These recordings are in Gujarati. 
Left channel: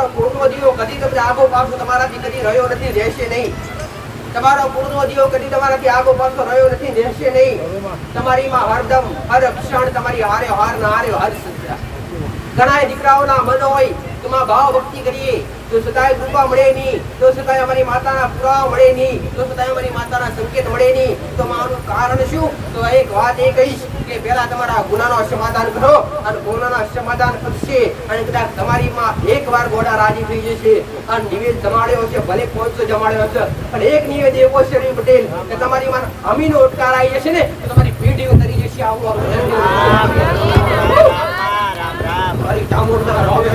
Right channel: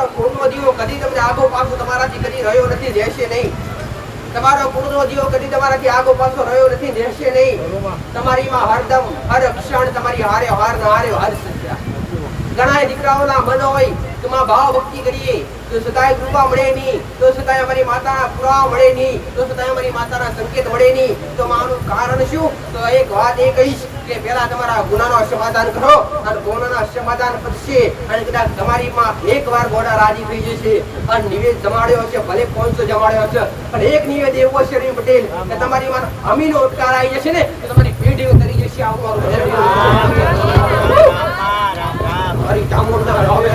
તમારો કુળનો દીવો કદી તમને આગો પાછો તમારાથી કદી રહ્યો નથી, રહેશે નહીં. તમારો કુળનો દીવો કદી તમારાથી આગો પાછો રહ્યો નથી, રહેશે નહીં. તમારીમાં હરદમ હર ક્ષણ તમારી હારે હાર ના હારે હાર સજ્જા. ઘણા દીકરાઓના મન હોય કે માં ભાવ ભક્તિ કરીએ તો સદાય કૃપા મળે નહીં, તો સદાય અમારી માતાના પુરાવા મળે નહીં, તો સદાય અમારી માતાના સંકેત મળે નહીં. તો આનું કારણ શું? તો એક વાત એ કહીશ કે પહેલા તમારા ગુનાનો સમાધાન કરો અને ગુનાના સમાધાન પતશે અને કદાચ તમારી માં એકવાર ગોડા રાજી થઈ જશે અને નિવેદ જમાડ્યો છે, ભલે 500 જમાડ્યો છે, પણ એક નિવેદ એવો છે રવિ પટેલ કે તમારી માં અમીનો ઉટકાર આવી જશે ને તો તમારી પેઢીઓ તરી જશે. આવું મારી ચામુંડા હવે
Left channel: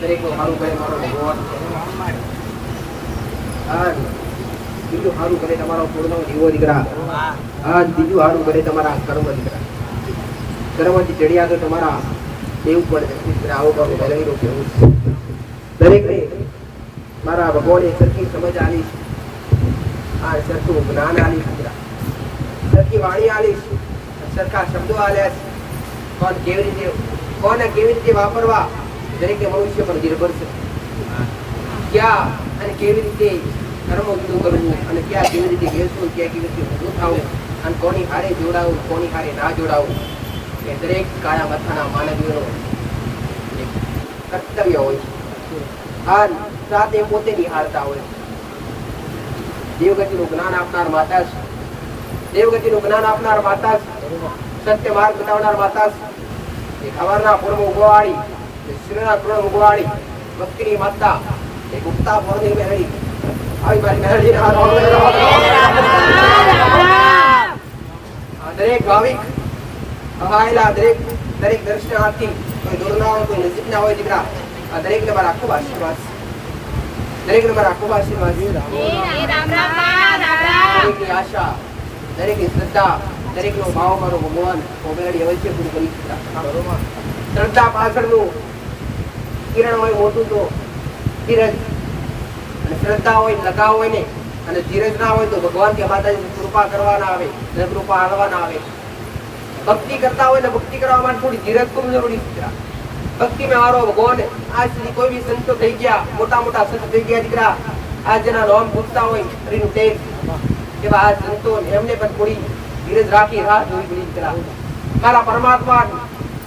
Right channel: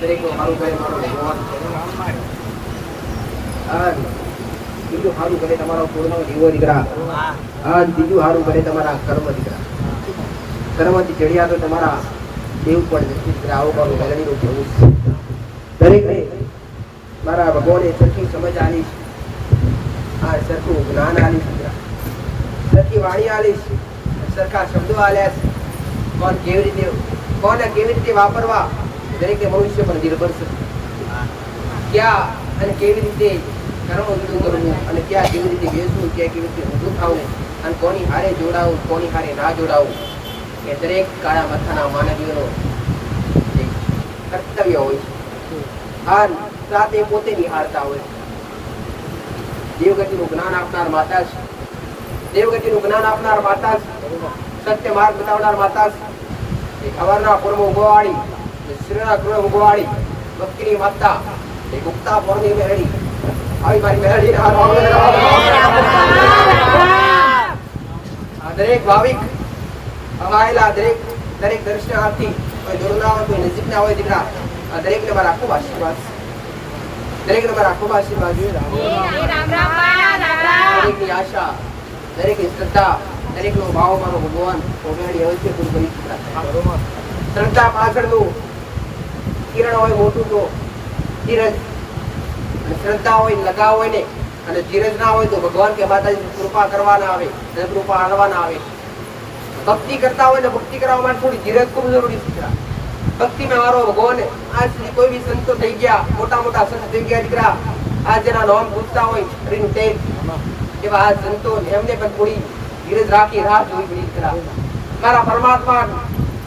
દરેકનું સારું કરે મારો ભગવાન, બીજું સારું કરે તમારો પૂર્ણ જીવો દીકરા, બીજું સારું કરે તમારા કર્મ દીકરા. કર્મથી ચડિયા તો તમારા દેવ પણ આવો બાબુ મેળવી કેવું દરેકને મારા ભગવાને સરખી સમજ આલીશ, સરખું જ્ઞાન આલીશ દીકરા, સરખી વાણી આલીશ, સરખા શબ્દો આલ્યા. કોને કેવી રીતે વાપરવા દરેક મનુષ્ય પર નિર્ભર છે. ક્યાં અને કેવી રીતે કર્મ ઉદું કરવું અને ક્યાં કેવી રીતે બેસવું, ક્યાં કેવી રીતે ઊંધું થવું અને કોની હારે જોડાવું, કોની હારે ના જોડાવું, એ દરેક કાળા માથાના માનવીઓનો એક કર્તવ્ય હોય છે. આ સાથે પોતે નિહાળતા હોય છે. દેવગતિનું જ્ઞાન આપનાર માતા છે, દેવગતિનું જ્ઞાન આપનાર માતા છે, સત્ય માર્ગ બતાવનાર માતા છે. એક હવારના પૂર્વમાં ઉગવાળી, શ્રીના કૃણ ઉગવાળી ભક્તિની માતા, એક ઉગતા પૂર્ણની મેરડી આવી મારી મેરડી દરેક ભાવિક અહાયેલા દરેક દર્શનાર્થી, કોઈ દૂર ના હોય કોઈ નજીક ના હોય દીકરા, આ દરેક ને મારા ખૂબ આશીર્વાદ છે, દરેક ને મારા ખૂબ આશીર્વાદ છે. દરેકની આશા, દરેકની શ્રદ્ધા, દરેક નો ભાવ મારો ભગવાન મેરડી અવશ્ય પૂરું કરી શકતા. શ્રદ્ધા પાછળનું કિરણ હોય મોટું તો ધીરજ, અને શ્રદ્ધા હોય લગાવ હોય ને અને ધીરજ ના હોય તો ભગવાન કે માતાજી કૃપા કરવા ના આવે, કૃપા આણવા ના આવે. ભક્તિ કરતા હોય ને ભક્તિ કરવા માટે થોડી ધીરજ ખૂબ જરૂરી છે. ભક્તિ માં મારો ભગવાન આજ સુધી કોઈ બી સંતો થઈ ગયા, મોટા મોટા સંત થઈ ગયા દીકરા, આજ જેના નામ પૂછતા હોય હરિનું તેજ એવા આ સંતો એમને પણ થોડી ધીરજ રાખી રાહ જોવી પડી દીકરા. મારા પરમાત્મા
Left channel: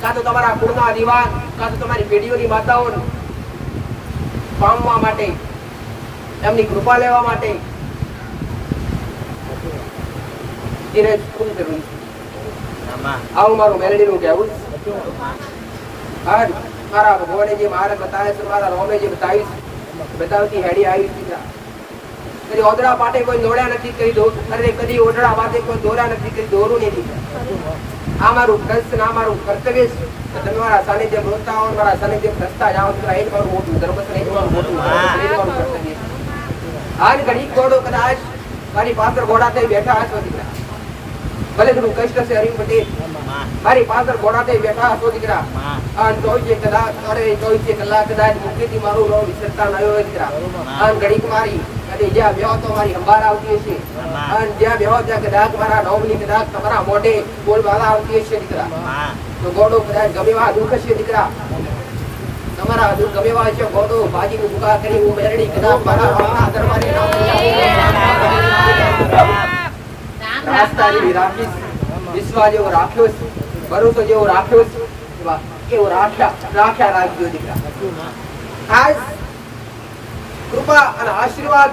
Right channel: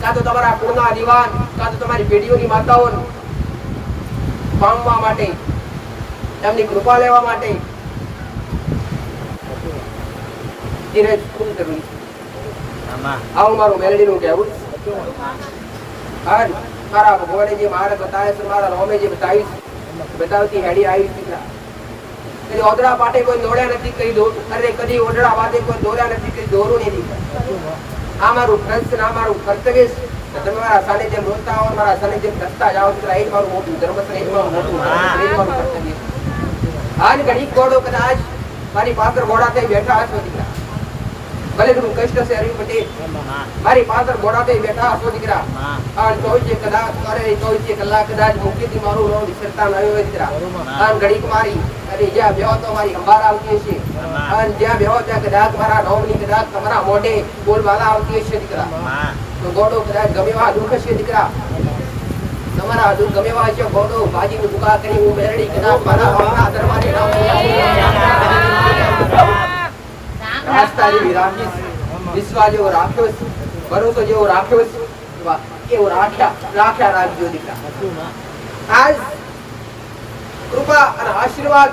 કાં તો તમારા કુળના દીવાન, કાં તો તમારી પેઢીઓની માતાઓ પામવા માટે, એમની કૃપા લેવા માટે ધીરજ ખૂબ જરૂરી છે. આવું મારું મેલેડીનું કહેવું. મારા ભગવાને જે માર્ગ બતાવે છે, મારા રોમે જે બતાવી છે, બતાવતી હેડી આવી દીકરા. કદી ઓદડા પાટે કોઈ દોડ્યા નથી, કદી ઓદડા પાટે કોઈ દોડ્યા નથી, કદી દોરું નહીં દીકરા. આ મારું ફરજ, આ મારું કર્તવ્ય છે. તમે મારા સાનિધ્ય રોજતા હો, મારા સાનિધ્ય રસ્તા જાઓ દીકરા, એ જ મારું મોટું ધર્મ છે, એ જ મારું મોટું કર્તવ્ય છે. આજ ઘડી ઘોડો કદાચ મારી પાછળ ઘોડા થઈ બેઠા હશો દીકરા, ભલે થોડું કષ્ટ છે હરિ પટેલ, મારી પાછળ ઘોડા થઈ બેઠા હશો દીકરા, અને 24 કલાક કદાચ મુખીથી મારું નામ વિસરતા ન હોય દીકરા, અને ઘડીક મારી અને જ્યાં બેહો તો મારી અંબાર આવતી હશે, અને જ્યાં બેહો ત્યાં કદાચ મારા નોમની કદાચ તમારા મોઢે બોલબાલા આવતી હશે દીકરા, તો ગોડો કદાચ ગમેવા દુઃખ હશે દીકરા, તમારા દુઃખ ગમેવા હશે ગોડો બાજીની દુકા કરી હું મેરડી કદાચ મારા આપણા દરબારે રાસ્તા જેવી રાખીશ, વિશ્વાસ જેવો રાખ્યો છે, ભરોસો જેવો રાખ્યો છે, એવો રાખ્યા રાખજો દીકરા. આજ કૃપા અને આશીર્વાદ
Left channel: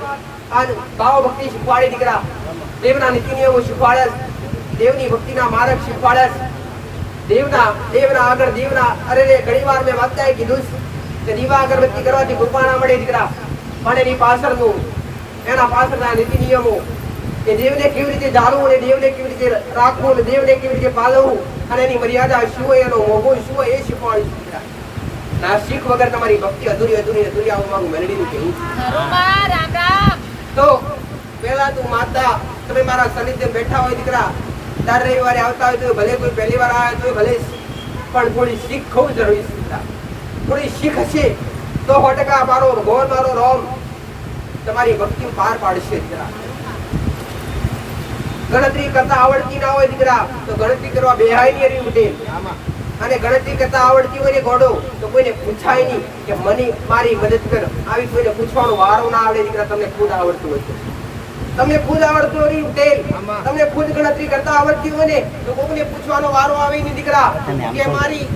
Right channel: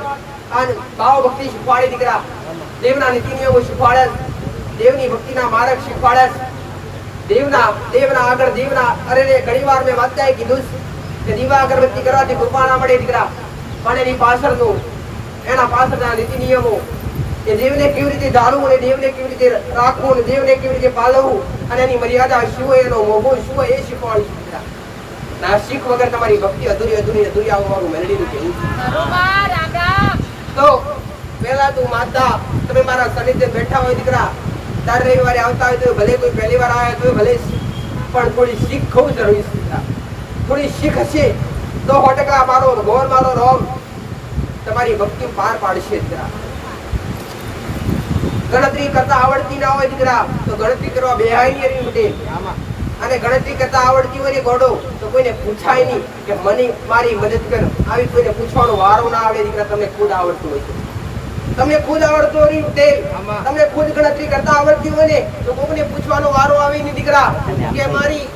અને ભાવ ભક્તિ શીખવાડી દીકરા, દેવના નીતિ નિયમો શીખવાડ્યા, દેવની ભક્તિના માર્ગ શીખવાડ્યા, દેવના આગળ દેવના અરે ઘણી વાર મેં વાંચતા કીધું કે દીવા અગરબત્તી કરવાથી કૃપા ના મળે દીકરા, પણ એની પાછળનું એના પાછળના નીતિ નિયમો, કે દેવને કેવી રીતે ધારવું અને દેવને કેવી રીતે રાખવું અને દેવને કેવી રીતે પાલવવું અને એની મર્યાદા શું હોય, એનો મોભો શું હોય, એ શીખવાડી દીકરા. ના શીખ વગર તમારી ભક્તિ અધૂરી આવું મારું મેલડીનું કહેવું છે. તો પેલા તું માતા તમે મારા સાનિધ્ય બેઠા હોય દીકરા, દર રવિવારે આવતા હોય તો ભલે કોઈ પહેલી વાર આવે તો ભલે, પણ થોડી શીખ ખૂબ જરૂરી છે. થોડી શીખ હશે તો 100% મારો ભગવાન મારો રોમ તમારી ભક્તિ પાર પાડશે દીકરા. ગણતરી કરતા આવડતી ના હોય દીકરા તો ગણતરી કરવા બેહાય નહીં હરીન પટેલ. અને ગણતરી કરતા આવડતી હોય ને ગોડો તો કોઈને પૂછાય નહીં કે મને મારી મદદ કર. આવી કોઈને પૂછવાનો વારો ના આવે દીકરા. તમને ખુદ આવડતું હોય તો તમને ખુદ આવડતું હોય પટેલ, તમને ખુદ ગણતરી કરતા આવડતી હોય ને તો કોઈને પૂછવાનો વારો આવે નહીં દીકરા કે મારી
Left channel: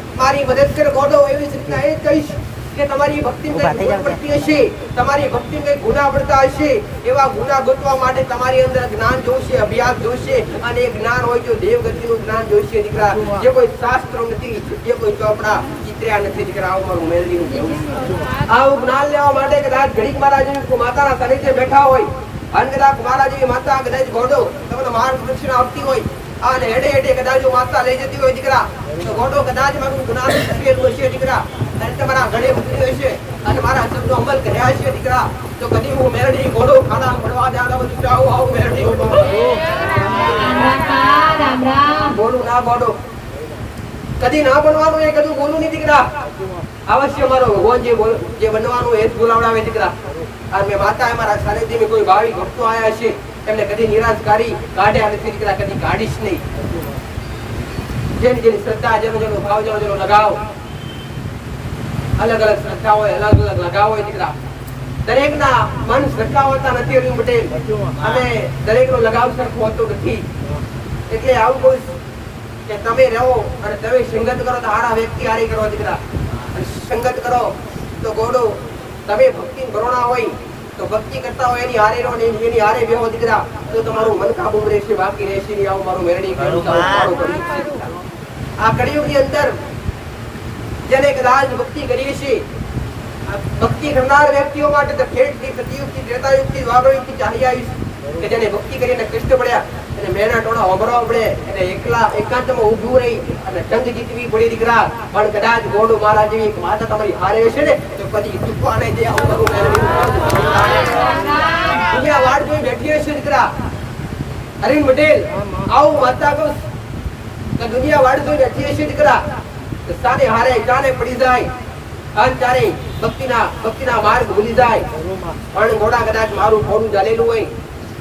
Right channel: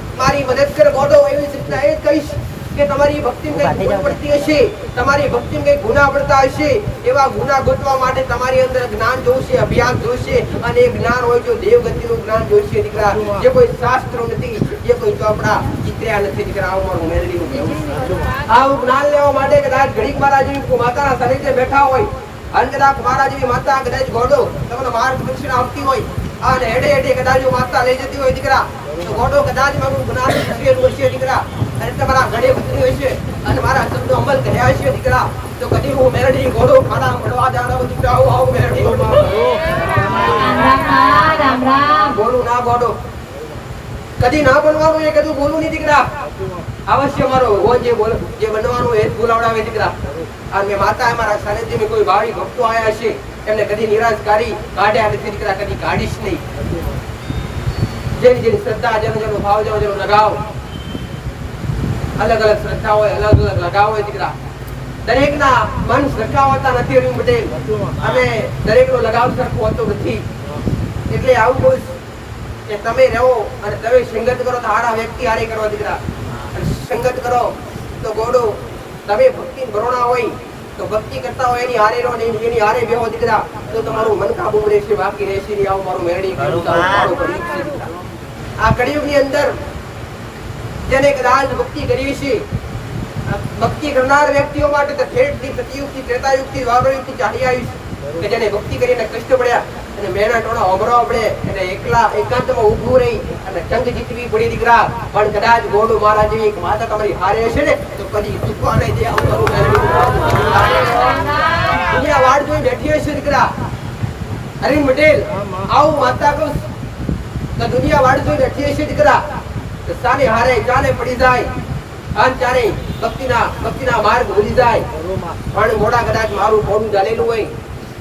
મદદ કર ગોડો. એવી રીતના એ જ કહીશ કે તમારી ભક્તિમાં કઈ ભૂલ પડતી હશે, તમારી ભક્તિમાં કઈ ગુના પડતા હશે, એવા ગુના ગોતવા માટે તમારી અંદર જ્ઞાન જોશે, અભ્યાસ જોશે. અને એ જ્ઞાન હોય તો દેવગતિનું જ્ઞાન જોશે દીકરા. જે કોઈ શાસ્ત્રો નથી, જે કોઈ ચોપડા ચિત્ર્યા નથી દીકરા. આવું મારું મેલડીનું કહેવું છે. આવું જ્ઞાન લેવા માટે કદાચ ઘડીક મારા જેવી માતાના સાનિધ્ય બેઠા હોય અને કદાચ મારા જેવી માતા કદાચ ગોડો તમને માર્ગદર્શન આપતી હોય અને હેડે હેડે કદાચ માતા લઈ જતી હોય દીકરા તો ગોડો કદાચ મારું જ્ઞાન શીખેલું હશે દીકરા અને તમારા ઘરે ઉતરી હશે અને મારા શબ્દો અમલ કર્યા હશે દીકરા તો કદી હું મેરડી ગોડો ખાડા મળવા જાણવા દીકરા આવું મેરડી ગોડો બોલું ના ગોડો કદી ના બનવાનું એ કદી બોલું નહીં દીકરા. અવશ્ય મારો ભગવાન જે બનવાનું એ જ બોલાવડાવે દીકરા. અને મેં માતા મારા સાનિધ્યમાં કોઈ ભાવિક ભક્તો આયા છે એમને કદી નિરાશ કરી કાઢ્યા નથી દીકરા, કદી કાઢીશ નહીં. જેની શ્રદ્ધા જેનો ભાવ જેનો લગાવ અલગ અલગ શ્રદ્ધા હોય, અલગ અલગ લગાવ હોય દીકરા. દરેક ના મન સરખા હોતા નથી હરીમ પટેલ અને દરેક નો લગાવ સરખો હોતો નથી. એટલે આવું કહું કે તમે રહો અને તમે સંગત કરો તો હારા વ્યક્તિ હારી કરો દીકરા. અને સંગત કરો તો ગોડો તમે ભક્તિ ભરોણા હોય તો ભક્તિ કરતા હોય એની હારે રહો ને એની હારે બેહો દીકરા તો તમારું મન કાબુ રહેશે, બાકી રહેશે નહીં. આવું મારું મેરડી કહેવું છે દીકરા. આ કળિયુગની અંદર જેને કદાચ ભક્તિ કરી છે, ભક્તિ કરનાર વ્યક્તિઓ માટે તો ખેડથી સતયુગથી ત્રેતાયુગથી દ્વાપરયુગથી ચાલી આવી છે કે જેને ભક્તિ કરીને કષ્ટ પડ્યા અને મેના ટોળા ઓભરાવા પડે અને એકલા એકાંતમાં ઊભું રહી અને જંગ જીતવી પડી દીકરા. પણ કદાચ ગોડો મારા જેવી એક માતા તમારી હારે હશે ને તો કદી ચૂકવા નહીં દે. આવું કરું દુનિયા વાડ જોઈ બેઠી હશે દીકરા. હરીમ પટેલ આવું માતા કહું તો દુનિયા વાડ જોઈ બેઠી હશે દીકરા તો સાને હારે ચાને પડી જાય અને ચારે ભક્તિના માર્ગ ભૂલી જાય. પણ ગોડા કદાચ મારું ઘોડું ચાલેલું હોય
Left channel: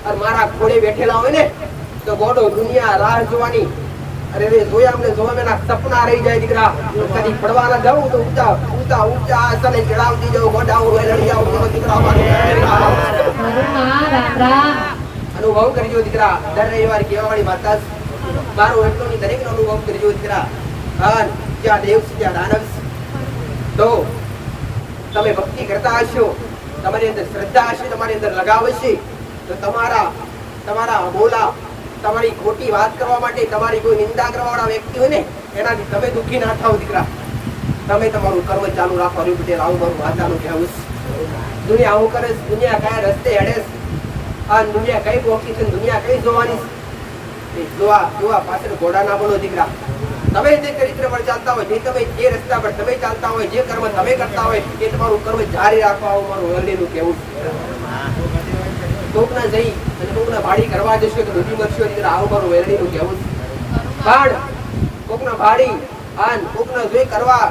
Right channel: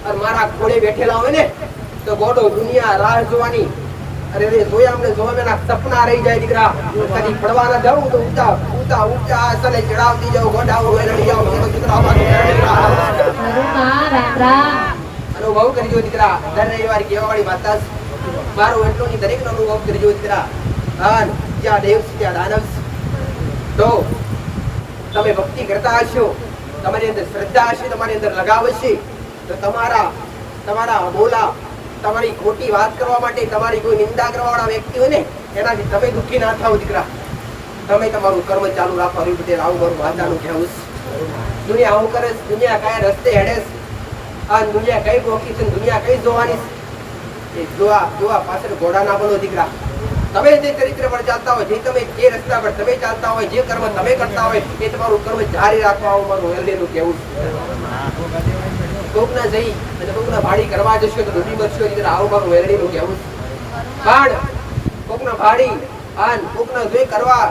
અને મારા ઘોડે બેઠેલા હોય ને તો ગોડો દુનિયા રાહ જોવાની અરે રે જોયા અમને જોવા મેના સપના રહી જાય દીકરા. કદી પડવાના જાઉં તો ઊંચા આસને ચડાવતી જાઉં ગોડાઓ લડી આવું દીકરા. અનુભવ કરજો દીકરા. દર રવિવારે કેવા વાળી માતા મારો એટલો ની દરેક નો અનુભવ કરજો દીકરા. અને જ્યાં દેવ ત્યાં દાનવ તો તમે ભક્તિ કરતા હશો, તમારી અંદર શ્રદ્ધા હશે, તમારી અંદર લગાવ હશે તો તમારા બોલા તમારી ખોટી વાત કરવા માટે તમારી કોઈ નિંદા કરવા વાળા વ્યક્તિ હોય ને એનાથી તમે દુઃખી ના થાવ દીકરા. તમે તમારું કર્મ ચાલુ રાખો. હરી પટેલ આવું મારું માતાનું કહેવું છે. દુનિયા આવું કરે, દુનિયા કયા રસ્તે હેડે આ દુનિયા કઈ ગોખી છે, દુનિયા કઈ જોવાની છે જોવા પાછળ ઘોડા ના બનો દીકરા. તમે જે ચરિત્ર પર ચાલતા હોય, તમે જે રસ્તા પર તમે ચાલતા હોય, જે કર્મ તમે કરતા હોય એ તમારું કર્મ જારી રાખવા આવું મારું મેરડીનું કહેવું છે. કોકના જઈ અને કોકના ભાડી કરવા જશો તો ડૂબી મરશો દીકરા. આવું મારું મેરડીનું કહેવું છે. પણ કોકના ભાડી અને કોકના જોઈ કરવા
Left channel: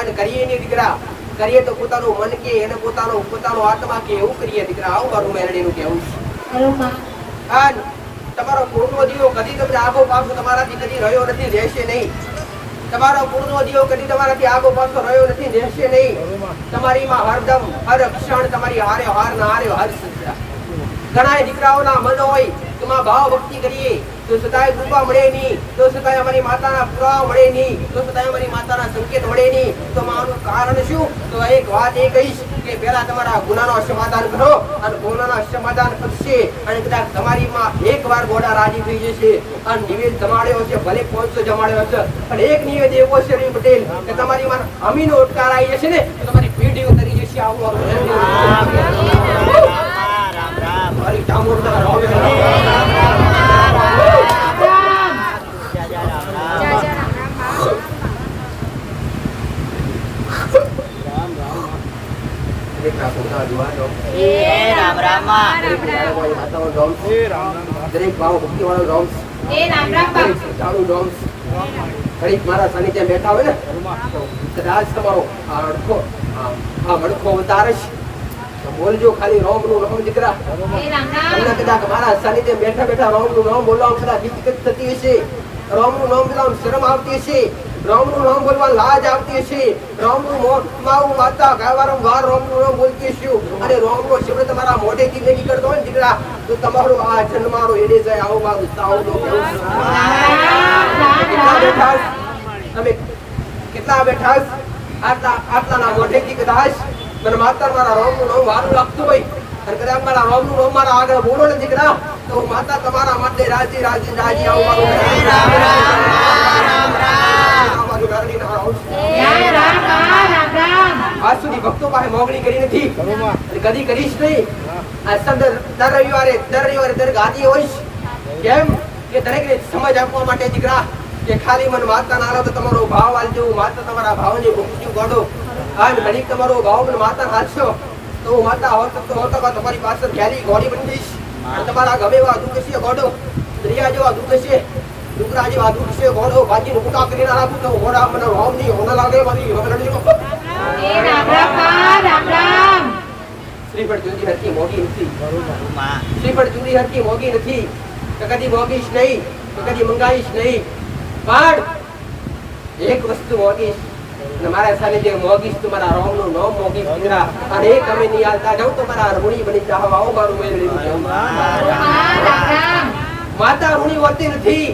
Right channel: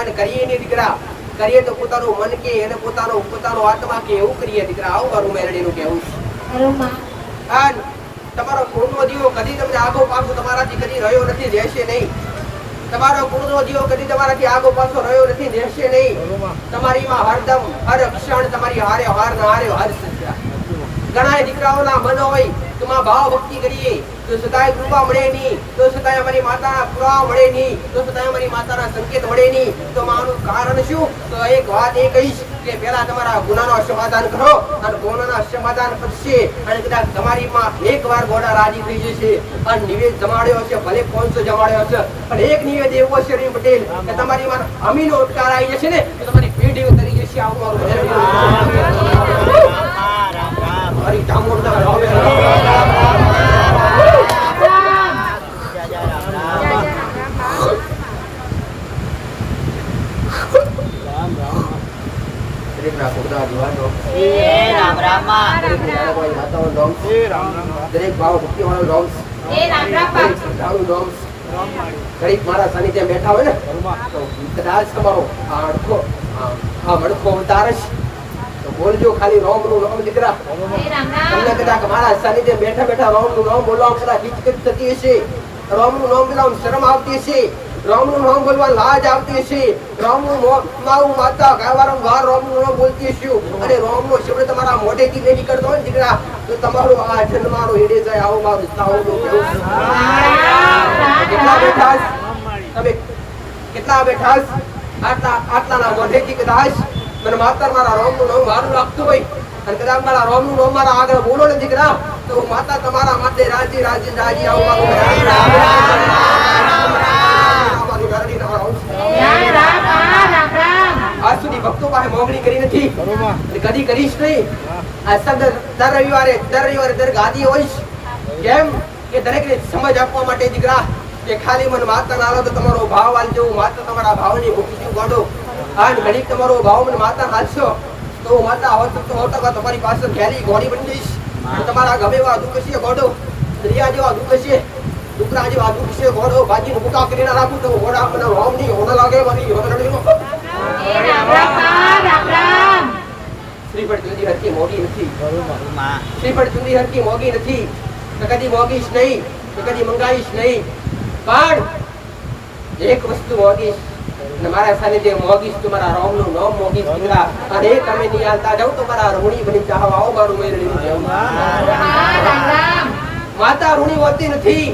અને કરીએ નહીં દીકરા. કરીએ તો પોતાનું મન કે એને પોતાનો આત્મા કે એવું કરીએ દીકરા. આવું મારું મેરડીનું કહેવું છે. અને તમારો કુળનો દીવો કદી તમને આગો પાછો તમારાથી કદી રહ્યો નથી, રહેશે નહીં. તમારો કુળનો દીવો કદી તમારાથી આગો પાછો રહ્યો નથી, રહેશે નહીં. તમારીમાં હરદમ હર ક્ષણ તમારી હારે હાર ના હારે હર સજ્જા. ઘણા દીકરાઓના મન હોય કે માં ભાવ ભક્તિ કરીએ તો સદાય કૃપા મળે નહીં, તો સદાય અમારી માતાના પુરાવા મળે નહીં, તો સદાય અમારી માતાના સંકેત મળે નહીં. તો આનું કારણ શું? તો એક વાત એ કહીશ કે પહેલા તમારા ગુનાનો સમાધાન કરો અને ગુનાના સમાધાન કરશે અને કદાચ તમારી માં એકવાર ગોડા રાજી થઈ જશે અને નિવેદ જમાડ્યો હશે, ભલે 500 જમાડ્યો હશે પણ એક નિવેદ એવો છે હરીમ પટેલ કે તમારી માં અમીનો ઉટકાર આવી જશે ને તો તમારી પેઢી ઉતરી જશે. આવું મારી ચામુંડા રાવે દરેક ભાવ ભક્તિ વાળો રોમ્સ દરેક મારા સાનિધ્ય બેઠા હોય ને કદાચ તમારો મડખો અવતાર તો બોલજો ખાલી રોમ નું નામ દીકરા. તમને કદાચ મારા સાનિધ્ય બેઠા બેઠા રોમ નું નામ બોલવા કદાચ હિચકચ થતી હશે, રોમ નું નામ બોલવા શરમ આવતી હશે, રોમ નું નામ બોલવા લાજ આવતી હશે, રોમ નું માવું માતા વારંવાર રોમ નું નામ બોલતી હશે અને રોમ નો શબ્દ તમારા મોઢેથી નહીં નીકળતો હોય ને દીકરા તો તમારો આ જન્મારો હેડે જાય. આવું મારું સાઉન્ડ કેવું કેટલા બેઠા તમે કેટલા બેઠા આટલાના મોઢેથી કદાચ મને માતા મારા રોમ નું નામ મારું લાગતું હોય અને કદાચ મારા રોમ નું નામ મારા આગળ બોલો ને દીકરા તો માતા તમારા માટે રાજી રાજી રાજી આવું મારું આજ સુધી ભક્તો પાસે મોગણી કરી નથી અને કદી કરીશ નહીં. આ દર રવિવારે દર ગાદી હોઈશ. કેમ કે દરેકને સમજ આપવા માટે દીકરા કે ખાલી મને માતા ના તો તમારો ભાવ આલજો, માતા તમારા ભાવની મુક્તિ ગોડો. અને ઘડીક તમારો ભાવ મને માતા હાલશો તો હું માતા હોતા તમારી પાસે ઘેલી ઘોડી બની જઈશ અને તમારા ગમે એવા દુઃખ છે ગોડો, દરિયા જેવા દુઃખ છે, ડુકરા જેવા દુઃખ છે ગોડો બાજી નું બુકા કરીને રાખું તો ઘોડા મને રોમ ની હોડ લાગે મારી શ્રીફળ ચુંદી હરકી મોગી નથી. શ્રીફળ ચુંદી હરકી મોગી નથી તો કદી મોગીશ નહીં, તો કદી મંગાવીશ નહીં. પણ એક વસ્તુ મોગીશ અને મારા સાનિધ્ય મોગીશ તો મારા રોમ નું નામ મોગીશ દીકરા. અને તમે નહીં આવતા જાવ તો મારા ઋણી બની જાવ. આવો મારું મેળવ્યું. માતા ઋણી હોતી નથી.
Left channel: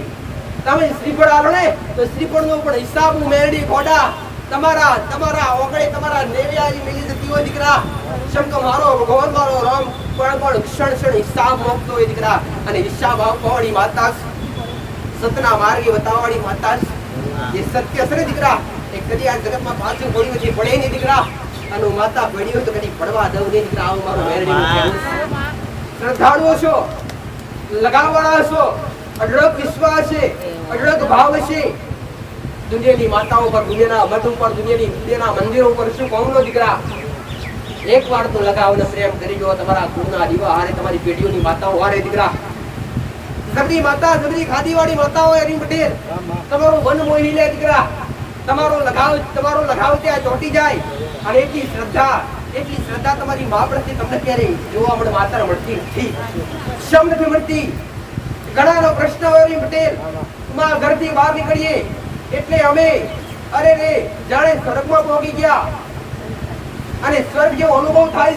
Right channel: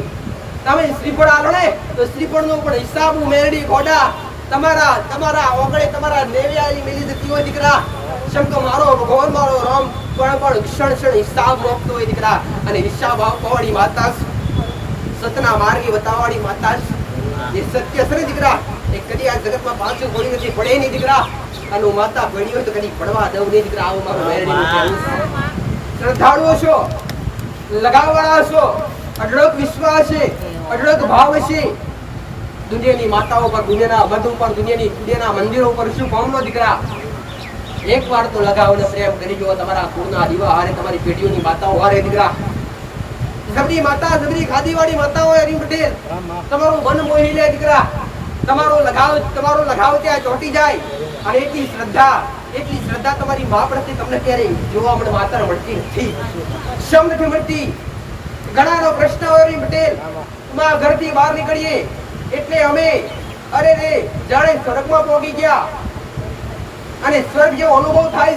તમે શ્રીફળ આલો ને તો શ્રીફળ નો પણ હિસાબ હું મેળવી ખોડા તમારા ઓગળે તમારા નેવ્યાની મિલી જતી હોય દીકરા. શંકર મારો ભગવાન મારો રામ પણ ક્ષણ હિસાબ મોકતો હોય દીકરા. અને હિસાબ આપવાળી માતા સતના માર્ગે બતાવવાળી માતા એ સત્ય છે દીકરા. એ કદી આ જગતમાં પાછું કોઈ નથી પડે નહીં દીકરા. અને માતા પડી હોય તો કદી પડવા દઉં નહીં દીકરા. આવું મારું મેળવી કહેવું. શ્રદ્ધાળુઓ છો, લગાવવાળા છો, અઢળક વિશ્વાસ છે, અઢળક ભાવ છે. દુનિયાની માતાઓ પર, દુનિયાના મઠ ઉપર, દુનિયાના મંદિરો પર શું કોમનો દીકરા. એક વાર તો લગાવને પ્રેમ કરી જો તમારા કુળના દીવા હારે, તમારી પેઢીઓની માતાઓ હારે દીકરા. જબરી માતા, જબરી ખાદીવાળી માતાઓ હરી પટેલ તમારું મન મોહી લે દીકરા. તમારો લગાવ ત્યાં ચોંટી જાય. અને એટલી શ્રદ્ધા તમારી મા પ્રત્યે તમને ક્યારે જોવા મળે માતા મળતી નથી, શમ નથી મળતી. ઘણાનો પ્રશ્ન હોય હરી પટેલ માં ઘરથી બહાર નીકળીએ એટલે અમે અરે રે જાણે સ્વર્ગમાં પહોંચી ગયા અને સ્વર્ગ જેવો અનુભવ થાય.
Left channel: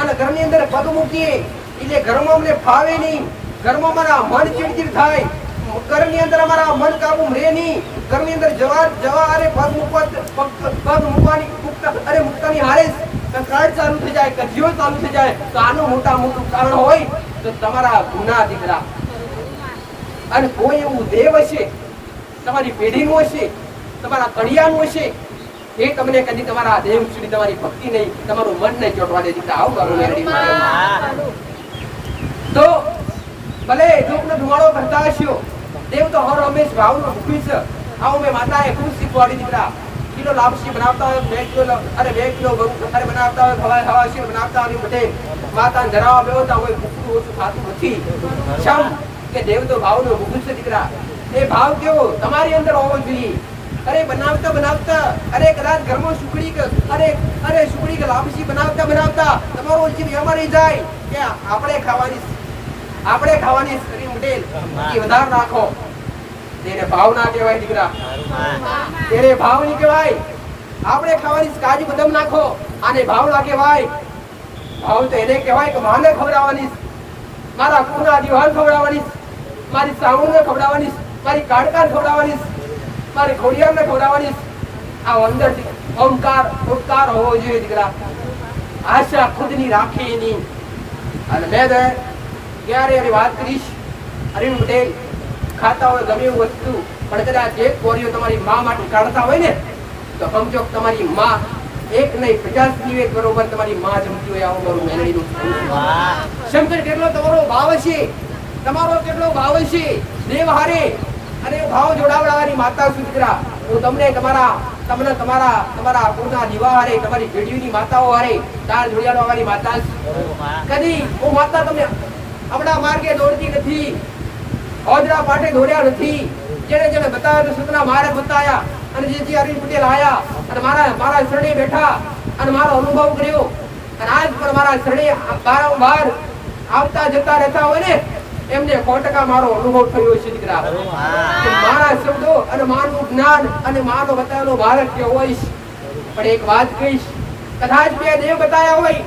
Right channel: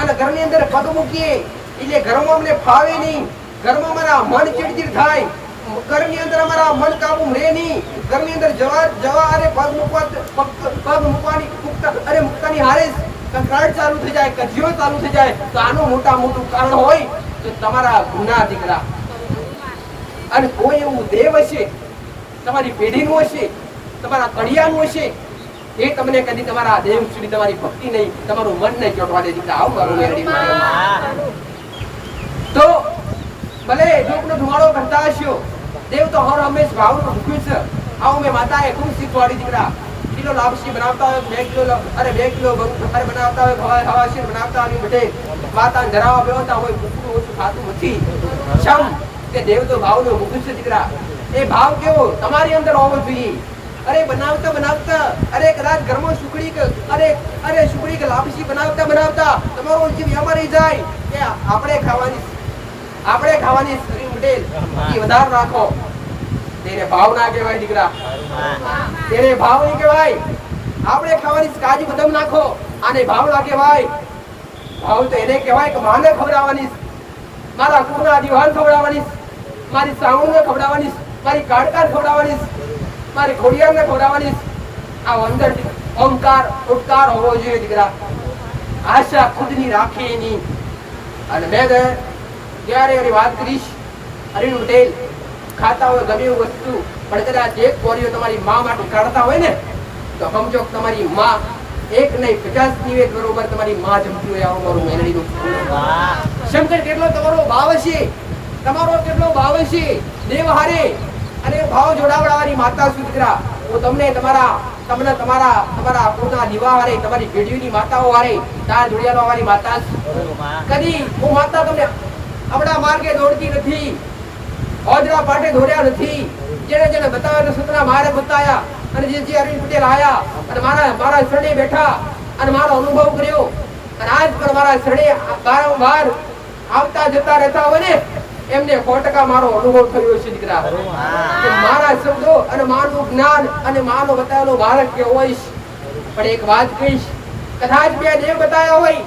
અને ઘરની અંદર પગ મૂકીએ એટલે ઘરમાં અમને ફાવે નહીં, ઘરમાં અમારા મન ચીડચીડ થાય, ઘરની અંદર અમારા મન કાબુ રહે નહીં. ઘરની અંદર જવા અરે પગ મૂકવાની હારે કંકરાટ ચાલુ થઈ જાય, કજિયો ચાલુ થઈ જાય. તો આનું મોટું કારણ હોય તો તમારા ગુના દીકરા. અને કોઈ એવું દેવ હશે તમારી પેઢીનું હશે, તમારા કડિયાનું હશે, એ તમને કદી તમારા દેવ સુધી તમારી ભક્તિ નહીં, તમારું મન નહીં ચોટવા દે દીકરા. આવું મારું મેળવી તો ભલે જોકનો ધુમાડો કરતા હશો, દેવ તો હર હંમેશ ભાવનું ભૂખ્યું છે. આવું મેં માતાએ ખૂબ શીખવાડી દીકરા. કિલો લાપસી બનાવતા હોય, 2 કિલો બનાવતા હોય, હવા શીર બનાવતા હોય બટે માતાને ધરાવવા બેવતા હોય, ભૂખનું ઓછું ખાતું નથી. શમ કે દેવ તો ભાવનું ભૂખ્યું છે દીકરા. એ ભાવ કેવો તમારી અંદર હોવો જોઈએ. અરે બનાવતા અરે કદાચ ઘરમાં સુખડી કે લાપસી બનાવતા તમારો જીવ અમારી જાય કે આપણે ખાવાની શરીર મટેલ વધારે નાખો. તેને ભાવ ના કહેવાય દીકરા, તેને ભાવ નહીં કહેવાય. આપણે ખાવાની કાજુ બદામ નાખો, આને ભાવ ના કહેવાય. ભાવ તો એને કહેવાય કે માને ખવડાવવાની, મારા કુળના દીવાન ખવડાવવાની, મારી સામુને ખવડાવવાની, મારી કાડકાને ખવડાવવાની, મારી ખોડિયાને ખવડાવવાની. આ અંદરથી ઓમકાર ઉપકાર હોવો જોઈએ દીકરા. આશા ખુદની રાખે નહીં. અને મેં ક્યારે વાત કરીશ અરવિંદ પટેલ ખાતા હોય ગમે એવું વસ્તુ પણ કદાચ એક કોરીઓ તમારી મા માટે કાઢતા હોય ને તો સમજો તમારી મા એક નહીં 50 નિવેદ બરોબર તમારી મા જમતી હોય. આવું મારું મેલડીનું શંકર કેટલો તમારો ભાવ છે, તમારો કેટલો ભાવ છે દેવ હારે. અને ભાવ જોડાવડાવવાની માતા શું દીકરા. હું તમને તમારા કુળના દીવા હારે, તમારી પેઢીઓની માતાઓ હારે તાર જોડિયાળવાની માતા. કદી હું માતા તમને આપણા માર્ગે દોડતી નથી, ઓજરા પાટે દોડ્યા નથી. જેને બતાવ્યા સતના મારે બતાયા. અને જે અરવિંદ પટેલ આયા અને મારા શરણે બેઠા અને મારો અનુભવ કર્યો અને આજ પણ મારા શરણે વારંવાર આવતા જતા રહેતા હોય ને એમને 100% મારો અનુભવ થયો છે દીકરા કે મારા શબ્દો અને મારું જ્ઞાન અને માનો બતાવેલો માર્ગ કેવો હોય. પણ એક વાત કહીશ, કદાચ બે દેવ બતાવ્યા હોય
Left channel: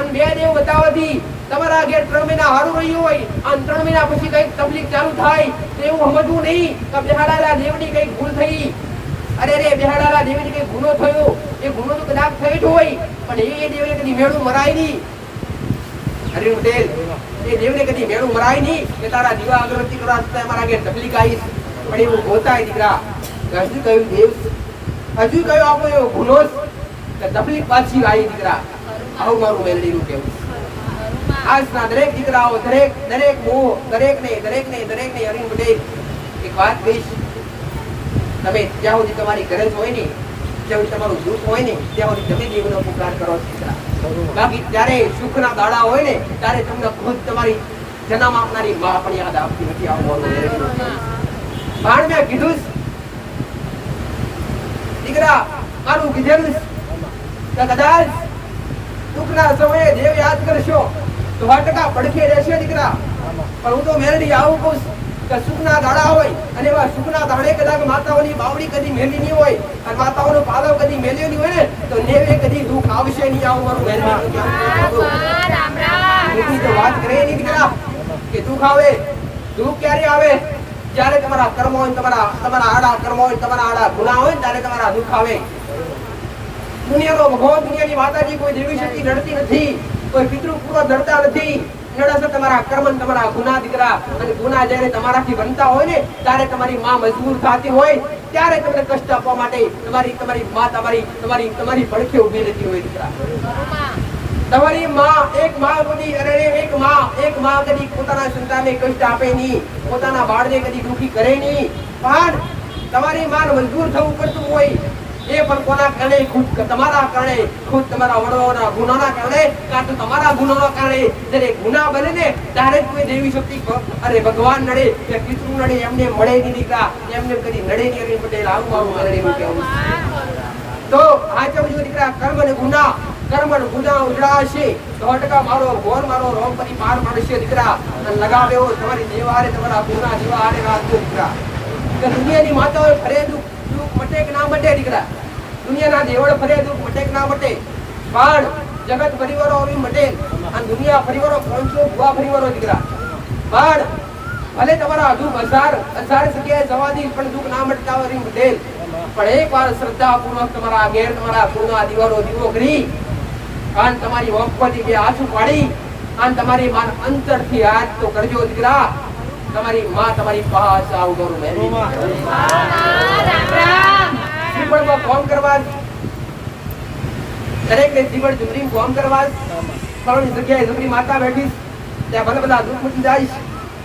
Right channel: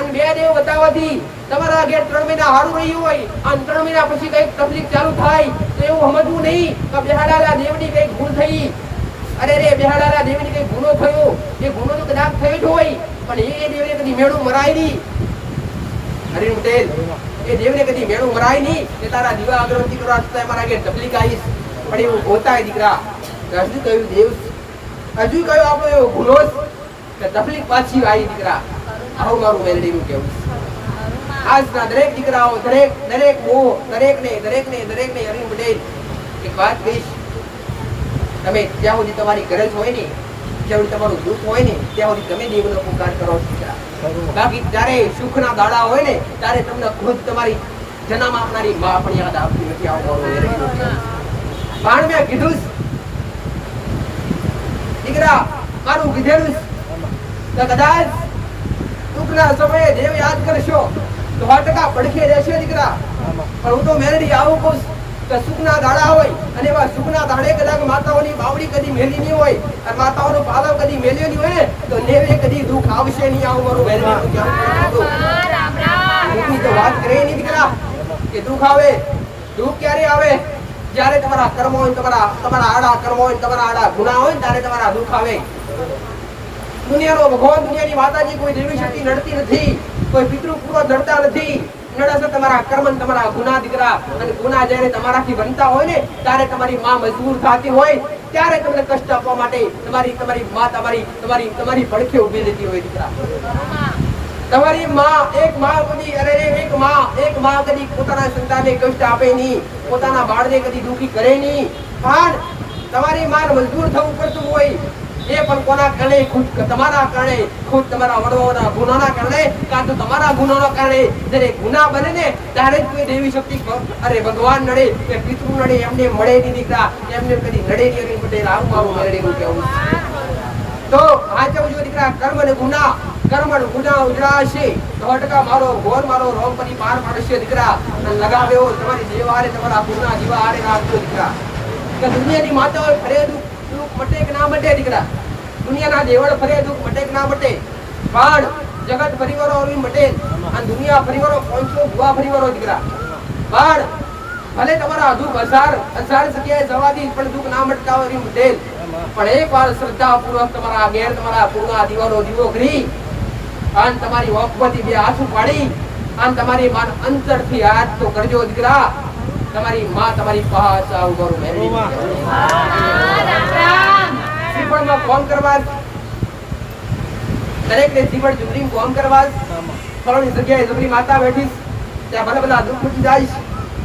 અને બે દેવ બતાવવાથી તમારા ઘેર 3 મહિના સારું રહ્યું હોય અને 3 મહિના પછી કઈક તકલીફ ચાલુ થાય તો એવું સમજવું નહીં કે બેહાડાલા દેવની કઈક ભૂલ થઈ. અરે રે, બેહાડાલા દેવની કઈક ગુનો થયો, એ ગુનો તો કદાચ થયો જ હોય પણ એ દેવને કદી મેળું મરાય નહીં. હરિ પટેલ, એ દેવને કદી મેળું મરાય નહીં કે તારા દીવા અગરબત્તી કરવા છતાં મારા ઘેર તકલીફ આવીશ. પણ એવું હોતા દીકરા, હજુ કયું દેવ, હજુ કયો આપણો એવો ગુનો કે તકલીફ પાછી આવી દીકરા. આવું મારું મેલડીનું કેવું. આજના દરેક દીકરાઓ, દરેક મોહ, દરેકને હરિ પટેલ એક વાત કહીશ, તમે જ્યાં સુધી તમારી ગરજ હોય ને, જ્યાં સુધી તમારું દુઃખ હોય ને, ત્યાં સુધી તમે દેવનો પુકાર કરો દીકરા. બાકી ત્યારે સુખના દાડા હોય ને ત્યારે તમને ખુદ તમારી જન્મ આપનારી માં પણ યાદ આપતી નથી. આવું મારું મેલડીનું કેવું. પણ મેં કીધું દીકરા, મારું કીધેલું તો કદાચ દુઃખના સમયે દેવ યાદ કરશો તો 100% પડખે રહેશે દીકરા. પણ હું તો મેલડી આવું કહું કે સુખના દાડા હોય અને એવા સુખના દાડે કદાચ માતાઓની બાવડી કદી મેલી નહીં હોય અને માતાઓનો પાલવ કદી મેલ્યો નહીં હોય ને તો નેવે કદી દુઃખ આવશે નહીં. આવું મારું મેલડીનું કહેવું. દુઃખની તો વાત કરે નહીં દીકરા કે દુઃખ આવે. દુઃખ ક્યારે આવે? જ્યારે તમારા કર્મ હોય, તમારા આડા કર્મ હોય, તમારા આડા ગુના હોય ત્યારે તમારા દુઃખ આવે. દુનિયાનો ભગવાન, દુનિયાની માતાજી કોઈ દેવી શક્તિ નડતી નથી, કોઈ પિતૃ પૂર્વ નડતા નથી. નડશે તમારા કર્મ, તમારા ગુના દીકરા. અને ગુના જ્યારે તમારાથી બનતા હોય ને ત્યારે તમારી માં મજબૂર થતી હોય ત્યારે તમને કષ્ટ આપવા માટે તમારી માં તમારી પડખે ઉભી રહેતી હોય દીકરા. તમારી માં, એક માં કદી પોતાના સંતાનને કષ્ટ આપે નહીં, પોતાના બાળને કદી દુખી કરે નહીં. પણ તમારી માં મજબૂર થવું પડતું હોય એ પણ કોના કારણે? ખુદ તમારા કારણે, ખુદ તમારા વડવાઓના ગુનાના કારણે, કાં તો તમારા ગુનાના કારણે. જ્યારે ગુના બને ને ત્યારે જ કોઈ દેવી શક્તિ, અરે ભગવાન નડે કે પિતૃ નડે, એમને મળે નહીં દીકરા, એમને કદી નડે નહીં. હરિ પટેલ, આવું મારું મેલડીનું કહેવું. તો હાચવજો દીકરા, કર્મ અને ગુના ઉજળાશે તો 100% મારો રોગ પછી પાર પાડશે દીકરા. અને લગાવ્યો તમારી દેવારે, તમારા પૂર્ણા દીવારે રાખજો દીકરા. કે દુનિયાની માતાઓ ફરે દુઃખ મટે કે ના મટે દીકરા, દુનિયાના દેવળ ફરે દુઃખ મટે કે ના મટે, પણ જગત પરિવારો આવી મટે અને દુનિયા પરિવારો 500 ભુવા પરિવારો દીકરા. પણ ભલે તમારા દુઃખ હજાર જગ્યાએ જવાથી પણ દુઃખ ના મટતા હોય મટે. પણ એકવાર શ્રદ્ધા પૂર્વક તમારા ઘેર તમારા પૂર્ણા દીવારો દીવો કરી અને તમારી વખતથી બે હાથ પાડી અને તમારી માં અંતરથી હાથ તો કરજો દીકરા. તમારી માં તમારી પાસે આવું કરું મેલડી શ્રીફળમાં કોમ કરવા, દરેક ને શ્રીફળ ચુંદડી કોમ કરવા, ફળની જગ્યાએ જગરી માતા બેઠી ત્યાં ભલે બધા દુઃખ મટી જાય.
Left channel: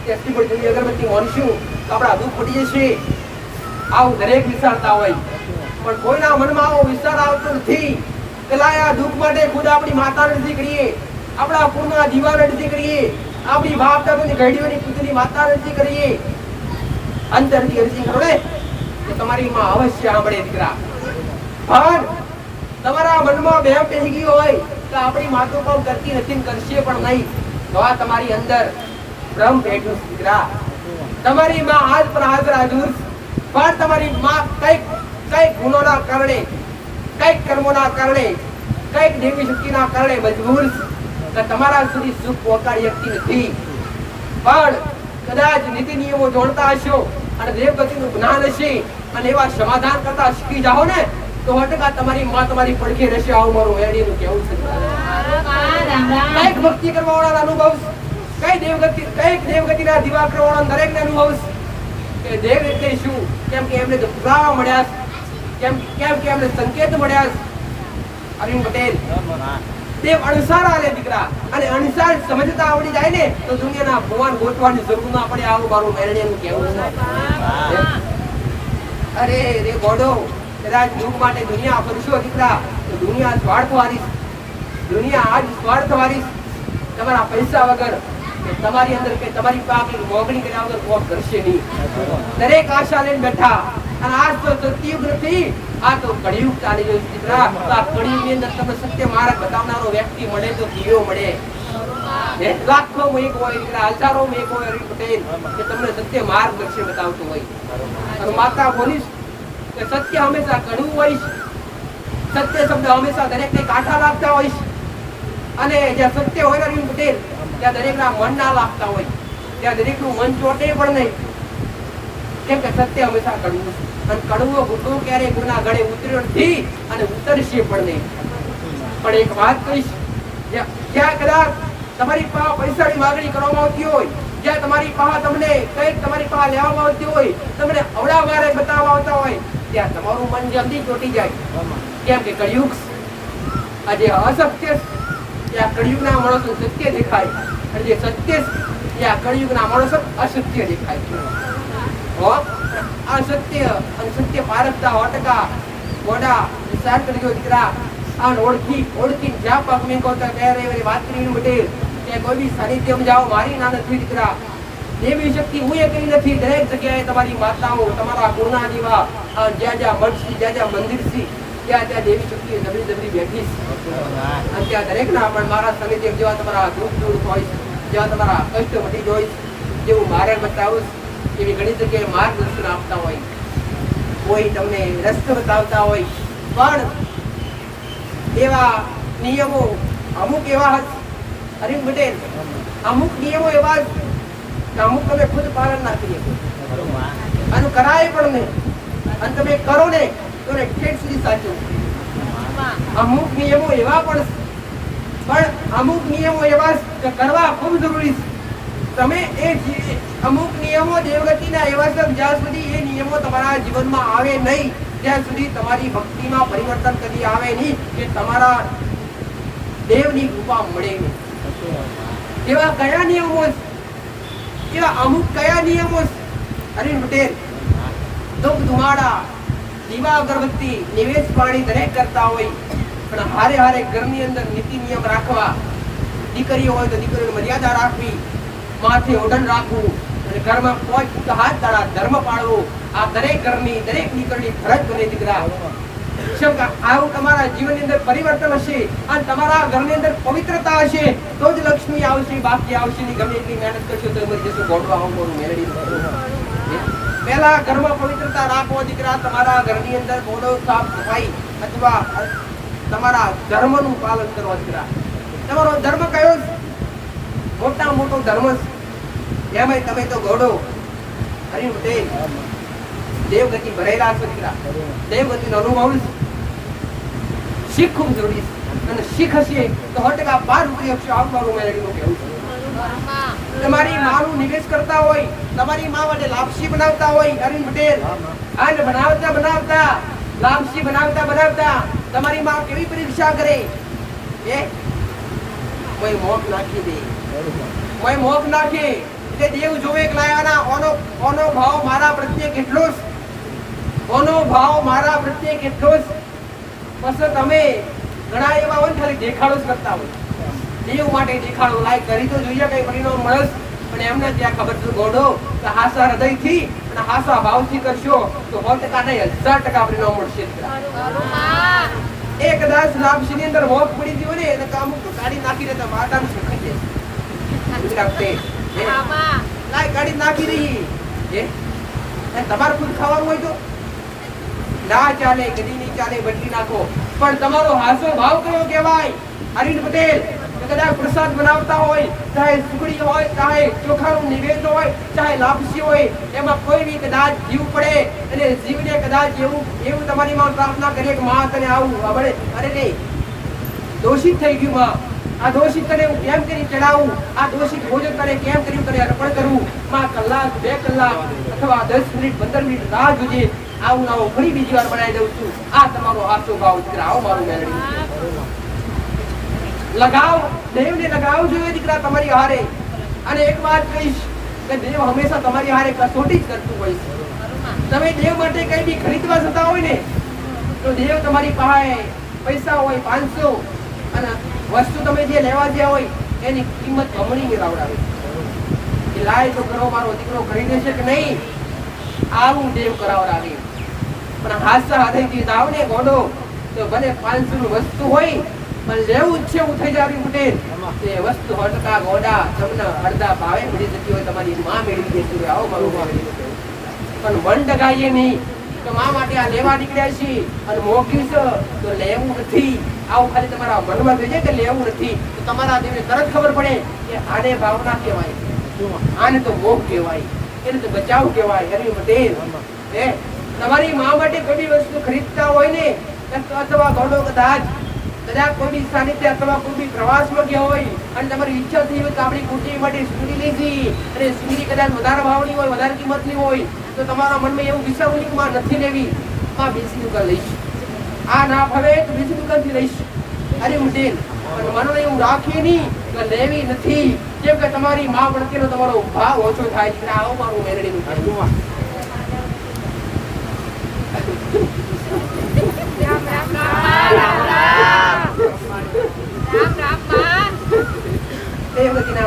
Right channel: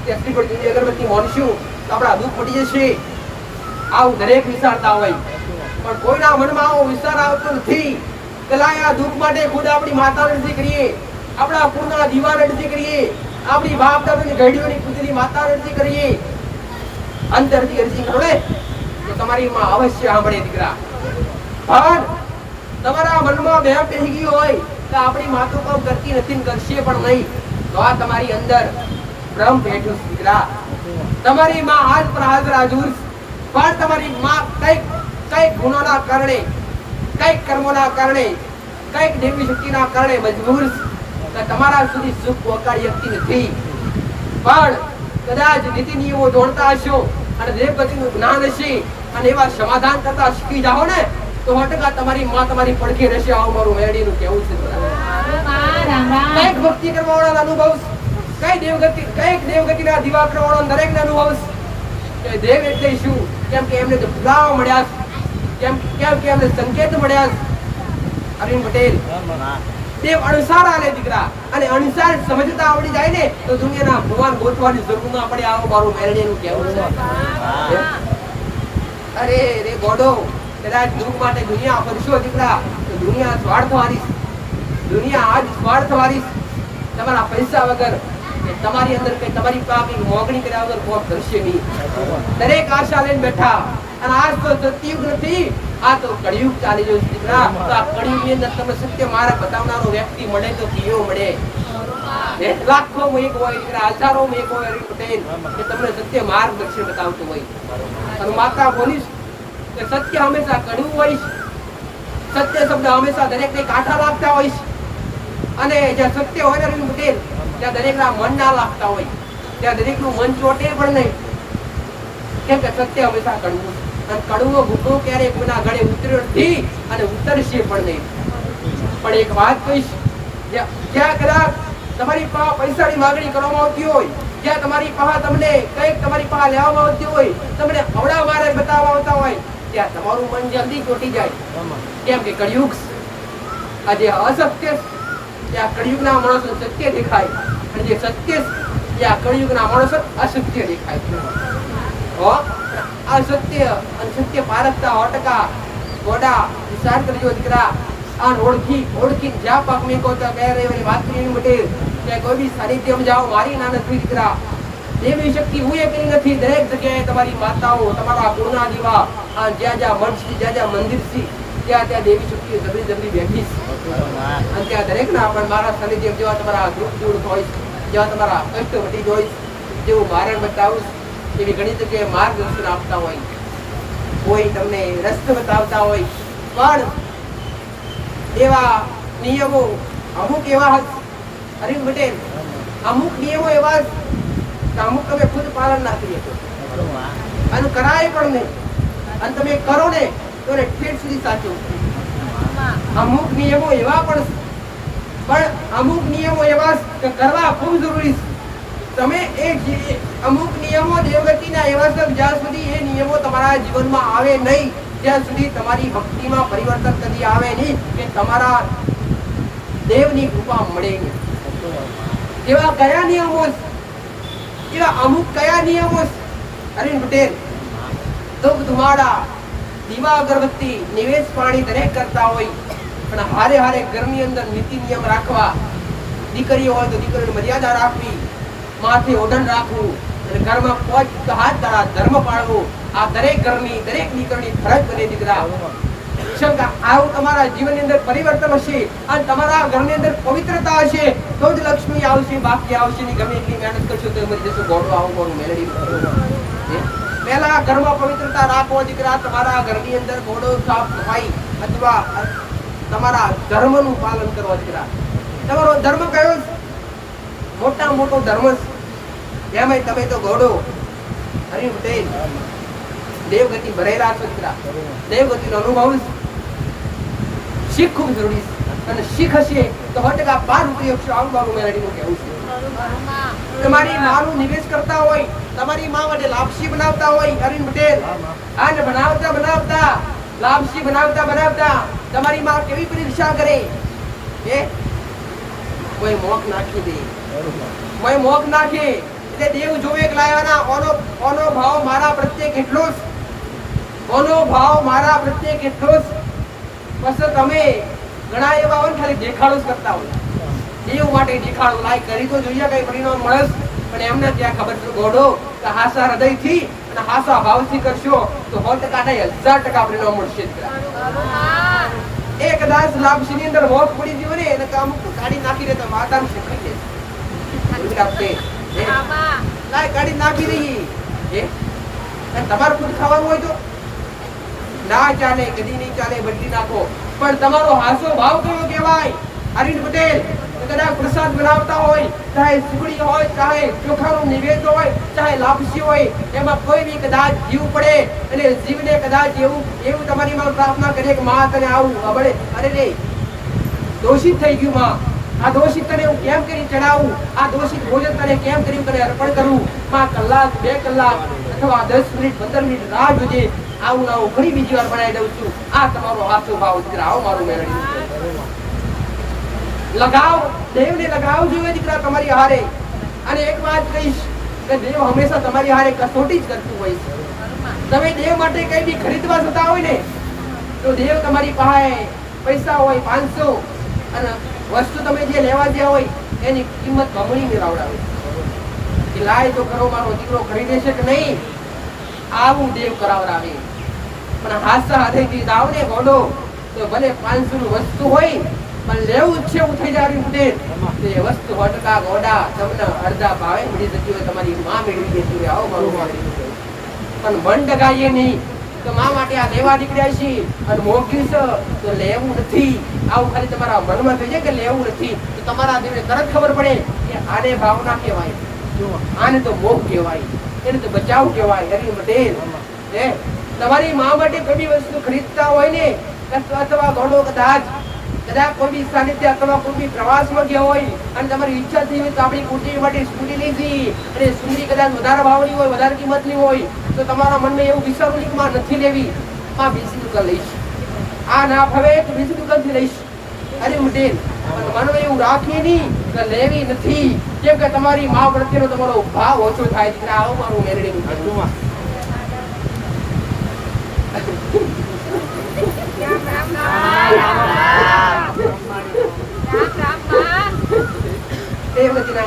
ત્યાં શ્રીફળ ચુંદડી અગરબત્તી વાંચશું તો આપણા દુઃખ મટી જશે. આવું દરેક વિચારતા હોય પણ કોઈના મનમાં આવો વિચાર આવતો નથી. કલાયા દુઃખ માટે ખુદ આપણી માતાને અરજી કરીએ, આપણા પૂર્ણા દીવાને અરજી કરીએ, આપણી બાપ દાદાની ઘડીઓની પૂજની માતાને અરજી કરીએ. અંતરથી અરજી કરો ને તો તમારી માં અવશ્ય સાંભળે દીકરા. પણ તમારા મનમાં બેમ બેસી ગયો હોય કે આપણી માં તો કામ કરતી નથી, કરશે પણ નહીં, તો આ તમારી અંદર ભ્રમ બેઠું દીકરા. તમારી માં આજ પર હાજર હાજર, પણ તમારી માં કઈક ગુનોના કારણે, કઈક કર્મોના કારણે, કઈક દેવી શક્તિના કારણે મજબૂર કે તમારા સુધી સુખ પહોંચાડી શકતી નથી. પણ કદાચ નીતિ નિયમો જોડતા હશો અને દેવગતિનું જ્ઞાન હશે અને એવા સમાધાન કરતા શીખી જાઓ ને તો 100% તમારી માં તમારી પડખે રહેશે. આવું મારું મેલડીનું કહેવું છે. કઈક ભક્તિ કરવા વાળા અનુભવ, કઈક દેવગતિના દીવા કરવા વાળા દરેકને અનુભવ કે દેવ એટલે શું, કેમ કે એમને તો પુરાવા મળ્યા, કેમ કે એમને સંકેત મળ્યા. અરવિંદ પટેલ, દેવ અણસાર આલે દીકરા, અને અણસાર સમજતા આવડી જાય ને તો દુનિયાના ભગવાન ગોતવાની જરૂર ના પડે. આવું મારું મેલડીનું કહેવું છે. અરે રે ગોડો, કદાચ દુઃખ માટે દુનિયા ફરશો દીકરા તો દુનિયા સ્વાર્થવાળી, દુનિયા આજ સ્વાર્થવાળી. તમારા પૈસા વગર તમારી અંદર કઈ તમારી પાસે મોગણી કર્યા વગર કોમ કરશે નહીં. દરેક આશા લઈને બેઠા, અને આજ તો સતયુગ નથી, આ તો કળિયુગ ચાલી રહ્યો છે દીકરા. તો આ કળિયુગ ની અંદર તમને સત્ય માર્ગ બતાવનારો વ્યક્તિ મળે તો કેવો મળે? લાખો માં એક હોય દીકરા, હજારો માં એક હોય હરીન પટેલ કે તમને સત્ય માર્ગદર્શન બતાવતો હોય. અને માતા બોલીશ કે સત્ય હંમેશા કડવું હોય છે, સત્ય શબ્દ હંમેશા દરેક ને કાંઠા લાગતા હોય છે. અને જ્યાં સત્ય હોય ને હરીન પટેલ, ત્યાં દરેક ના મન ના લાગતા હોય, ત્યાં દરેક નું મન ચોટે પણ નહીં. કેમ કે સત્ય હંમેશા કડવું, અને કડવો ઘૂંટો ક્યારેય કોઈના ગળે ઉતર્યો નથી અને ઉતરશે પણ નહીં. પણ એક વાત કહીશ, જ્યાં કદાચ તમારી પાસે પૈસાની માંગણી કરવામાં આવતી હોય, જ્યાં તમારી પાસે તમને કંઈક તમારી પાસે લેવામાં આવતી હોય, તમને અવળા મારે બતાવવા આવતા હોય, ત્યાં તમારું મન જલ્દી ચોટી જાય. કેમ કે કળિયુગ આજે અસત્ય, ત્યાં કળિયુગના માણસો સત્ય દેખાય, અને જે સત્ય ત્યાં કળિયુગના માણસો અસત્ય દેખાય છે. આ સત્ય અને સત્ય પારખતા 100% ગોડા વિચાર કરજો દીકરા. અને ઓળખી જ્યાં પાક મેં કહો તો કહે રે વાત કરી મટે, ત્યાં કોઈ બી સાનિધ્યમાં જાઓ, મારી ના નથી દીકરા. દેવી શક્તિ હું એ કરી નથી. દરેક જગ્યાએ તમારી માતાઓ, તમારા કુળના દીવા, જ્યાં જ્યાં મઠ છે, જ્યાં જ્યાં મંદિર છે, ત્યાં ત્યાં દેવી શક્તિ જબરી જબરી બેઠી છે. અને ત્યાં દરેક ના પણ મારા સાનિધ્ય જેવા તમારા દુઃખ દૂર હોય, જેવા તમારા કષ્ટ મટી હોય, જેવું મારે બતાવું એવી ઘણી જગ્યાએ માર્ગદર્શન આપતા હોય, કોઈ તમને રસ્તો બતાવતા હોય. પણ એવા નિયમો અમુક એવા હરીન પટેલ, અમુક નિયમો એવા કે અમુક તમે ખુદ પાલન ના કરી શકો, અને કરાય પણ નહીં, અને તમે કરો ને તો ઠેઠ સુધી સાચું. અમુક નિયમો એવા પણ અમુક નિયમો એવા કરવા ખૂબ જરૂરી છે. તમે એ અમુક નિયમો દેવગતિના એવા છે, જ્યાં સુધી એ નિયમો તમારા જીવનમાં આવે નહીં, ત્યાં સુધી તમારી ભક્તિમાં પરિવર્તન કદી આવે નહીં, કે તમારા દેવની કૃપા મળે નહીં. એવા કયા નિયમો, એવા અમુક કયા નિયમો હરીન પટેલ? ધૂપ ધુમાડા, દીવા અગરબત્તી, નિવેશ પાણી દરેક કરતા હોય, પણ હારે હારે ઘરની અંદર નીતિ નિયમ રાખવા. દીકરીઓ હોય તો દીકરીઓની મર્યાદા રાખવી, માથે ઓઢણ રાખવું, અને ઘરમાં 5 હાથ દાડા ધર્મ પાળવો. આ દરેક ઘરની દરેક દીકરીની ફરજ બને દીકરા. આવું તમારા જીવનની અંદર પરિવર્તન હશે, અને તમારા ઘરની અંદર પવિત્રતા હશે, તો જ લક્ષ્મી આવશે. બાકી આવશે નહીં. ગમે એટલી મહેનત કરશો તો મરી જશો. ગોળો આવું મોડું મેલડી. પહેલા ઘરમાં પવિત્રતા રાખવો દીકરા. તમારા ઘરની અંદર ગોળો સાફ સફાઈ અથવા તમારા ધર્મનું પાલન કરવા દીકરા. તમારો ધર્મ કયો? મોટા મોટો ધર્મ છે. એમાં તમે તો ગોળો હરીન પટેલ દેવગતિ ભરેલા છો દીકરા. દેવગતિનો અનુભવ શીખ ખૂબ જરૂરી છે, અને શીખ હશે તો 100% પાર ઉતરી શકશો. આવું મારું મેલડીનું કહેવું છે. તમારી માનું નિવેશ કરતા હોય, તમારી માં માટે લાપસી બનાવતા હોય હરીન પટેલ, અને બનાવતા લાપસી બનાવતા તમારી માં કેવી પરીક્ષા કરે? કોઈ મોખ નાખી દે, કોઈ મોખ નાખે એટલે દેવ જોવે કે લાયાના ઓનો ભાવ મારા પ્રત્યે કેટલો છે, ઓનો ભાવ મારા પ્રત્યે કેટલો છે. પછી તમે ઘણા એવા હોય ખાલી દેખાડો જ કરતા હોય. દેવ માટે દેખાડો લાય કરી તો જોઈએ કઈ પરિણામ મળે, પણ એમને ત્યાં ખબર છે ગોડો કે હાસા હૃદયથી અને હાસા ભાવથી કરશો તો 100% નહીં 1000% પરિણામ મળશે. એક કદાચ લાપસી ની અંદર મોખ પડી ગયો ને એને અમુક તો કાઢી નાખી દેતા માતાનું શીખાઈ જાય. લાય કાઢી નાખી દઈએ. તમારે ખુદ ખાવાનું હોય તો ના ચાલે, કદી નહીં ચાલે, બદલી નાખો. પણ તમારો હાસો ભાવ કયો કહેવાય હરીન પટેલ? કદાચ પ્રસાદ બનાવતા હોય, ચાહે સુખડી હોય, ચાહે ચોખાનો નિવેદ હોય, ચાહે લાપસી હોય, એમાં કોઈ બી કદાચ જીવ પડે અને જીવને કદાચ એવું તમારી માં પ્રાર્થના કરીએ કે માં તને આવું અબળે, અરે રે દોષિત થઈ ગયું માં, આ દોષિત તને હું કેમ કરી ચડાવું, આ દોષિત ભોજન તને કેમ કર્યું તને અર્પણ કરું. માં કલાક 2 કલાક અથવા 10 મિનિટ 15 મિનિટ રાહ જોજે, આવું ફરી બીજી વાર બનાવી દઉં છું. આ તમારો હાસો ભાવ દીકરા. આવો મારું મેલડી લગાવ, દેવને લગાવ જોઈએ દીકરા તમારી હારે. અને એક વાત કહીશ કે દેવ હંમેશા તમારી હારે કસોટી જ કરતું હોય છે. તમે દેવ માટે કઈ બી ખરીદવા જતા હોય ને તો દેવ તમારી પાસે પૈસા હોય 500 અને વસ્તુ તમે જે લેવા ગયા હોય એની કિંમત બમણી મેળવડાવે કે લાય તો કરો મારો દીકરો ખરીદે છે કે નહીં. આવું દેવ કરાવરાવે. પણ હાસા હૃદયથી દાવ ને ગોડો તો ભલે 500 નું વસ્તુ હોય પણ લેવું જ છે એવું થઈ જાય પટેલ તે વસ્તુ 100% ગોડા તમને અડધા ભાવે મળી જતી હોય તમારી માં મેળવી દેતી હોય આવો મારું પણ મન ડગાઈએ નહીં તો માં માટે આ લેવા નીકળ્યા છે અને મોંઘી છે તો લેવું નથી આવું ખાલી તમારા મનમાં થઈ જાય કે લેવું નથી તો તમારા દેવને તરત ખબર પડે કે આને ભાવના કહેવાય આને તો મોહ કહેવાય એને તો બચાવ કહેવાય હરી પટેલ હે તમારી માં માટે કોઈ બી વસ્તુ ખરીદતા હોય ને અથવા ગોડો કદાચ કોઈ બી સાનિધ્ય અથવા કોઈ બી પ્રવાસમાં ગયા હોય અને તમારી ઈચ્છા થઈ હોય કે આપણી કુટી માટે સ્કૂટી લીધી અને સુંદરી કદાચ વધારે ભાવની હોય વધારે કિંમતની હોય તો તમારા મનમાં એવું વિચારવું નહીં કે માં નથી લેવી માં બીજી દુકાન લઈશ આ ના ફાવે તો બીજી દુકાન થી લઈશ અરે પટેલ પણ મનમાં એવું રાખીએ નહીં કે લેવી નથી કેમ કે તમારી માં પ્રત્યેનો તમારો ભાવ ઓછો થાય છે આવું મારું મેલડીનું કહેવું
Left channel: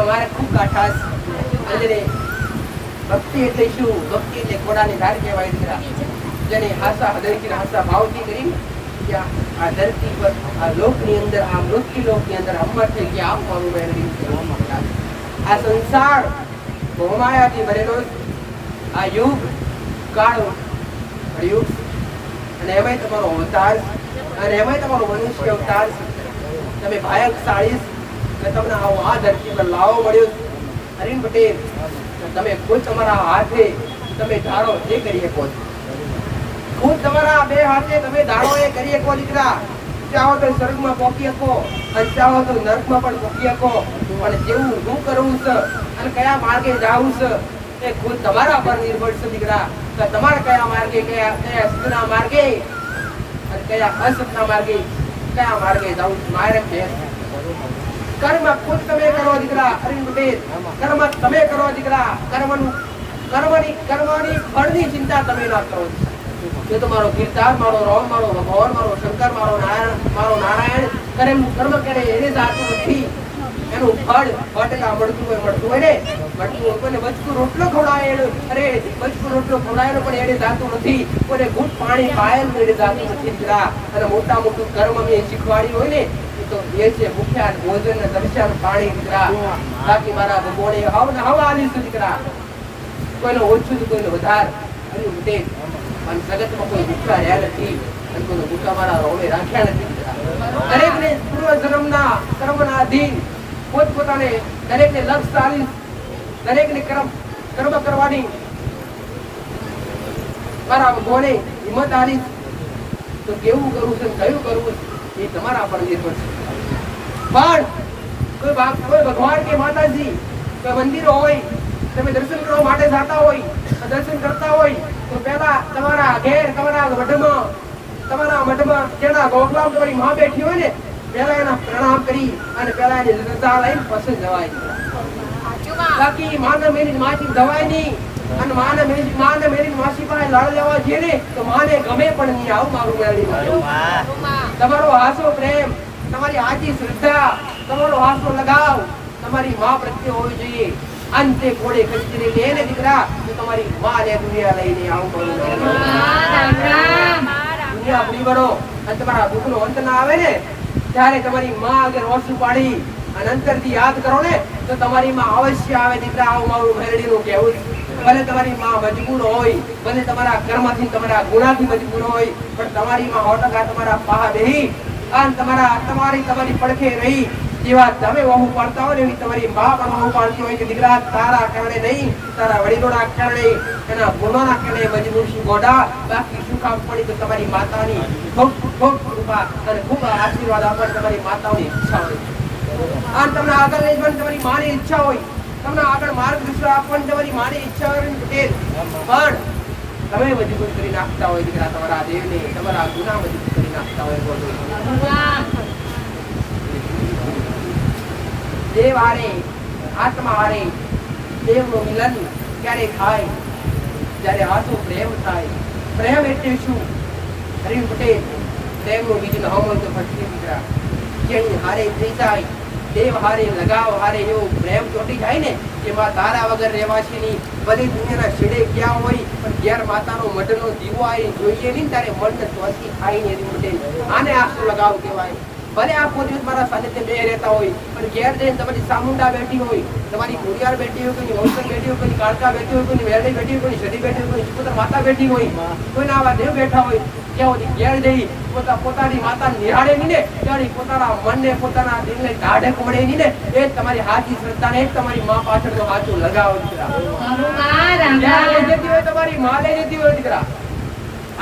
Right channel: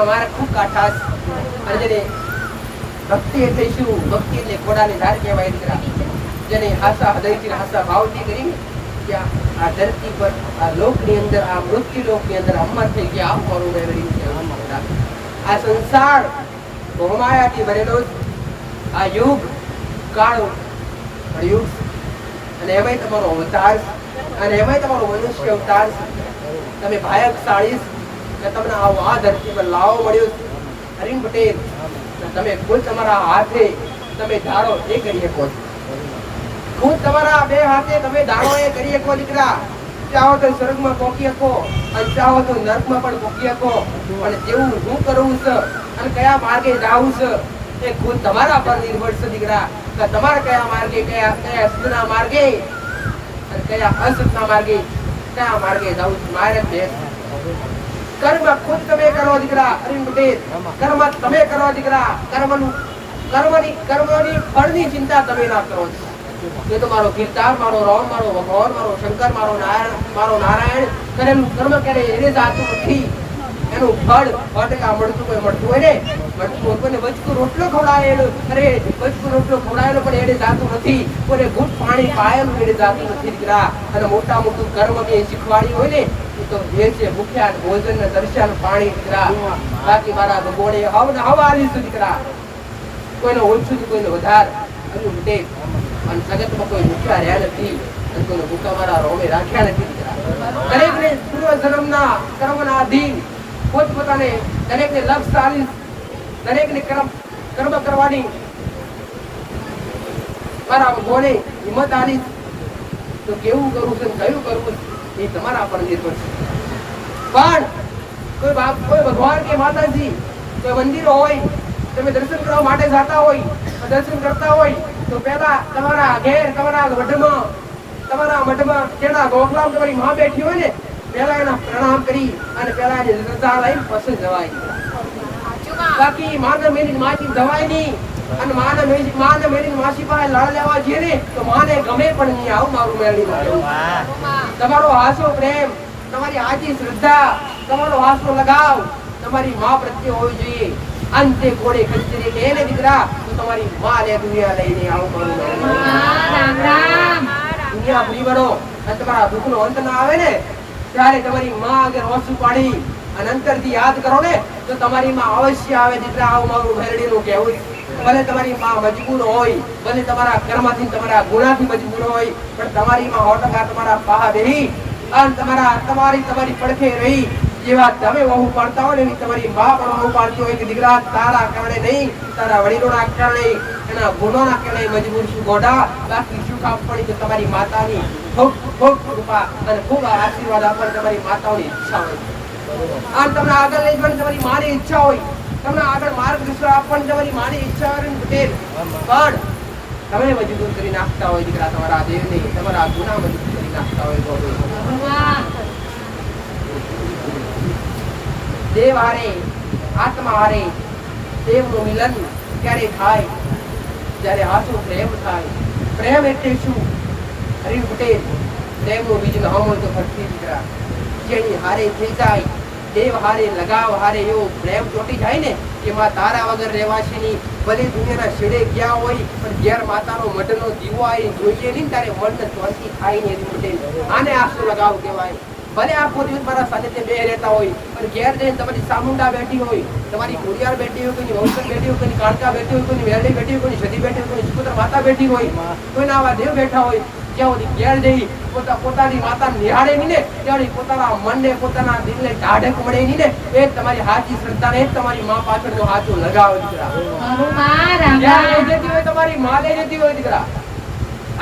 મારે ખૂબ કાઠાશ અને જેને ભક્તિ એટલે શું ભક્તિ એટલે ઘોડાની ધાર કહેવાય દીકરા જેને હાસા હૃદયથી હાસા ભાવથી કરી કે આ ધરતી પર આ લોકની અંદર આ મૃત્યુ લોકની અંદર અમર થઈ ગયા આવું મારું મેળવી આ સંસાર મોહમાયાથી ભરેલો આ યુગ કાળ યુગ અને એમાંય તમારો અવતાર અને એમાંય તમારો મનુષ્ય અવતાર તમે ભાયકશાળી કે તમને આ ધરતી પર લાવો મળ્યો હરીન પટેલ તમે ખુદ તમારા હાથે તમે ધારો એ કરી શકો ખુદ તમારા બે હાથે તમે ધારો એ કરી શકો દીકરા ચાહો તો સ્વર્ગમાં પહોંચી શકો અને ચાહો તો નર્કમાં પણ પહોંચી શકો પણ જેવું હું કરવું છે અને કયા માર્ગે જાવું છે એ ખુદ તમારા પર નિર્ભર છે દીકરા કે તમારે કયા માર્ગે કયા સતના માર્ગે અને કયા અસતના માર્ગે કયા માર્ગે જાવું મારે બેસ કર્મ ખુદ તમે કરો દીકરા અરીન પટેલ કર્મ તમે કરો દીકરા કર્મની ફળની ચિંતા તમે ના કરો કે તમારો કીર્તાર મારો રામ મારો ભગવાન મારો શંકર મારો નારાયણ કરેલું કર્મ કરે એને જાતું નથી એનું ફળ મળતું હોય ને મળતું કોઈને બચકું રોટલો ખવડાય અરે બચકું રોટલો ખવડાયેલો પણ એને જાતું નથી કોઈને ઘૂંટ પાણી પાયેલું એને જાતું નથી દીકરા અને મોટું કર્મ મેં શીખવાડ્યું હોય ને તો એ છે ભૂખ્યા ભોજન ને દર્શન પાણી દીકરા બાકી મારા ભગવાને હવા આલીશું દીકરા કોઈનો ઓછું કોઈનો વધાર પણ જગતમાં કોઈ ભૂખ્યા રહ્યા નથી અને કોઈને ભૂખા મારા રોમે રાખ્યા નથી દીકરા દરેકને પૂર્વ જન્મના કર્મના અધીન પોતપોતાને દરેકને લક્ષ્ય આલીશ દરેકને કર્મ કરવાની મારા ભગવાને હિંમત આલીશ તો કેવું કરવું છે કયું કરવું એ તમારા પર નિર્ભર છે પણ કોઈ ભગવાન કે માતાજી કોઈ મંદિર હોય તમે દર્શન કરવા માટે જતા હોય દર્શન કરતા હોય તો પહેલા તમારા ઘેર તમારા મઠમાં કેના ગોખલામાં તમારી માં બેઠી હોય ને પહેલા એના પ્રણામ કરી અને પહેલા એની રજા લઈને પછી જવાય બાકી માને મેરી માથી જવાય નહીં અને માને મેરી માસી પાસે લડ લેવા જઈએ ને તો માને ગમે પણ નહીં આવું મારું મેળવી તમારો હાસો પ્રેમ તમારી આજી શ્રદ્ધા તમારો હાસો લગાવ તમારી માં પ્રત્યે હોવી જોઈએ અંતે કોડે ખંજરી લેને દીકરા તો તમારી માં ને દુનિયા લઈને આવું મારું મેળવી દુનિયા ભૂલી બનો અને તમારા દુઃખનો અંત ના આવે ને ત્યારે તમારી માં આગળ ઓછું પાડી અને અંતરથી યાદ કરો ને તો તમારી માં અવશ્ય આવે દીકરા આવું મારું મેરડીનું કહેવું ભલે તમારી માં મજબૂર હોય ભલે તમારા કર્મથી તમારા ગુનાથી મજબૂર હોય પણ તમારી માં 100% તમારા પાહા બેહી અને તમારી પડખે રહી જેવા તમે વહુ પાડતા હોય એવી તમારી માં પણ વહુ પાડતી હોય કે દીકરા તારા કારણે નહીં તારા વડીલોના કારણે એના ગુનોના કારણે મજબૂર છું ગોડા બાકી શું કામ પડી તો તમારી માતાની ખૂબ કૃપા અને ખૂબ આશીર્વાદ આપવાની તમારી માતાઓની ઈચ્છા હોય અને તમને આગળ લઈ જવાની તમારી માની ઈચ્છા હોય તમને આગળ માર્ગદર્શન આપવાની તમારી માની ઈચ્છા હોય પટેલ પણ તમે મજબૂર કરી નાખતા હોય દીકરા તમારા દેવને તમારા ગુના મજબૂર કરી નાખતા હોય ગોડો દેવ હારે આત્મા હારે દેવનું મિલન ક્યારે થાય જ્યારે આસુ પ્રેમ થાય પ્રેમ એટલે શું હરી પટેલ પ્રેમનું બીજ ન હોય તો ભક્તિ દીકરા જેની હારે થઈ જાય દેવ હારે લગાવ હારે એવો પ્રેમ ચોટી જાય ને કે માં તારા વગર રહેવાશે નહીં. ભલે દુનિયાના છેડે ગયા હોય પણ ઘેર માતાનો મઢનો દીવો આવી જોઈએ નહીં તારે મનને શાંતિ થાય ને એની મટે. આને આશરો લગાવ કહેવાય. ભલે આખો દિવસ મારા સાનિધ્ય બે રહેતા હોય પણ ઘેર જઈને તમારી સામુંડા બેઠી હોય, તમારી કુરિયાર બેઠી હોય, કોઈની વંશર બેઠી હોય, કોઈની કાળકા બેઠી હોય, કોઈની વેરડી બેઠી હોય, કોઈની સતી બેઠી હોય, કોઈની સુપુત્ર માતા બેઠી હોય, કોઈના આવા દેવ બેઠા હોય, જ્યાં સુધી ઘેર જઈ પોતાની માતા નિહાળે નહીં ને ત્યાં પોતાના મનને પોતાના દિલને ઢાઢક મળે નહીં ને એ તમારી સાચી શ્રદ્ધા ને તમારી માં પાછળનો સાચો લગાવ દીકરા. તમારી માં લઈ જતી હોય દીકરા.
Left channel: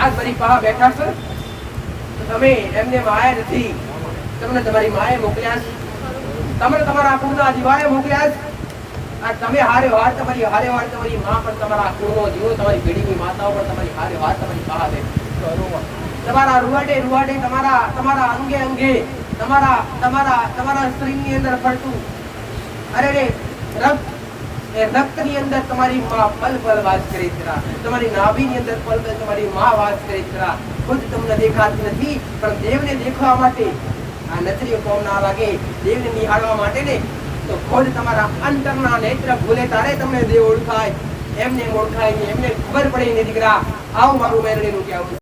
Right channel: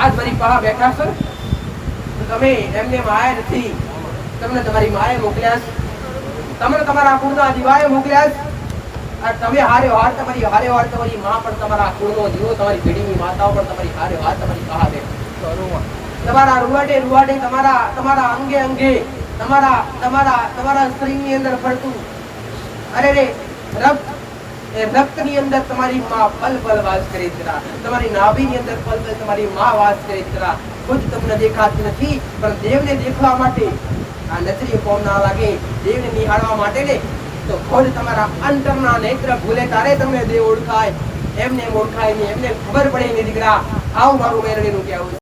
આજ મારી પાસે બેઠા છો તો તમે એમને માયા નથી, તમને તમારી માએ મોકલ્યા, તમને તમારા કુળના દીવાએ મોકલ્યા. આ તમે હારે હાર તમારી માં પણ તમારા કુળનો દીવો, તમારી પેઢીની માતાઓ પણ તમારી હારે હાર તમારી પાસે તમારા રૂવાડે તમારા અંગે તમારા શરીરની અંદર ફરતું અરે રે રક્તની અંદર તમારી માં પલ પલ વાસ કરે છે. તમારી નાભીની અંદર પલ પલ તમારી માં વાસ કરે છે. ખુદ તમને દેખાતી નથી પણ દેવને દેખવા માટે આ નજરી કોમ ના લાગે, દેવને નિહાળવા માટે ને તો ખુદ તમારા અંતરના નેત્ર ભૂલે તારે તમને દેવ ઓળખાય. એમને ઓળખાય નહીં, એમને ખબર પડે નહીં દીકરા. આવું મારું મેરડીનું કહેવું.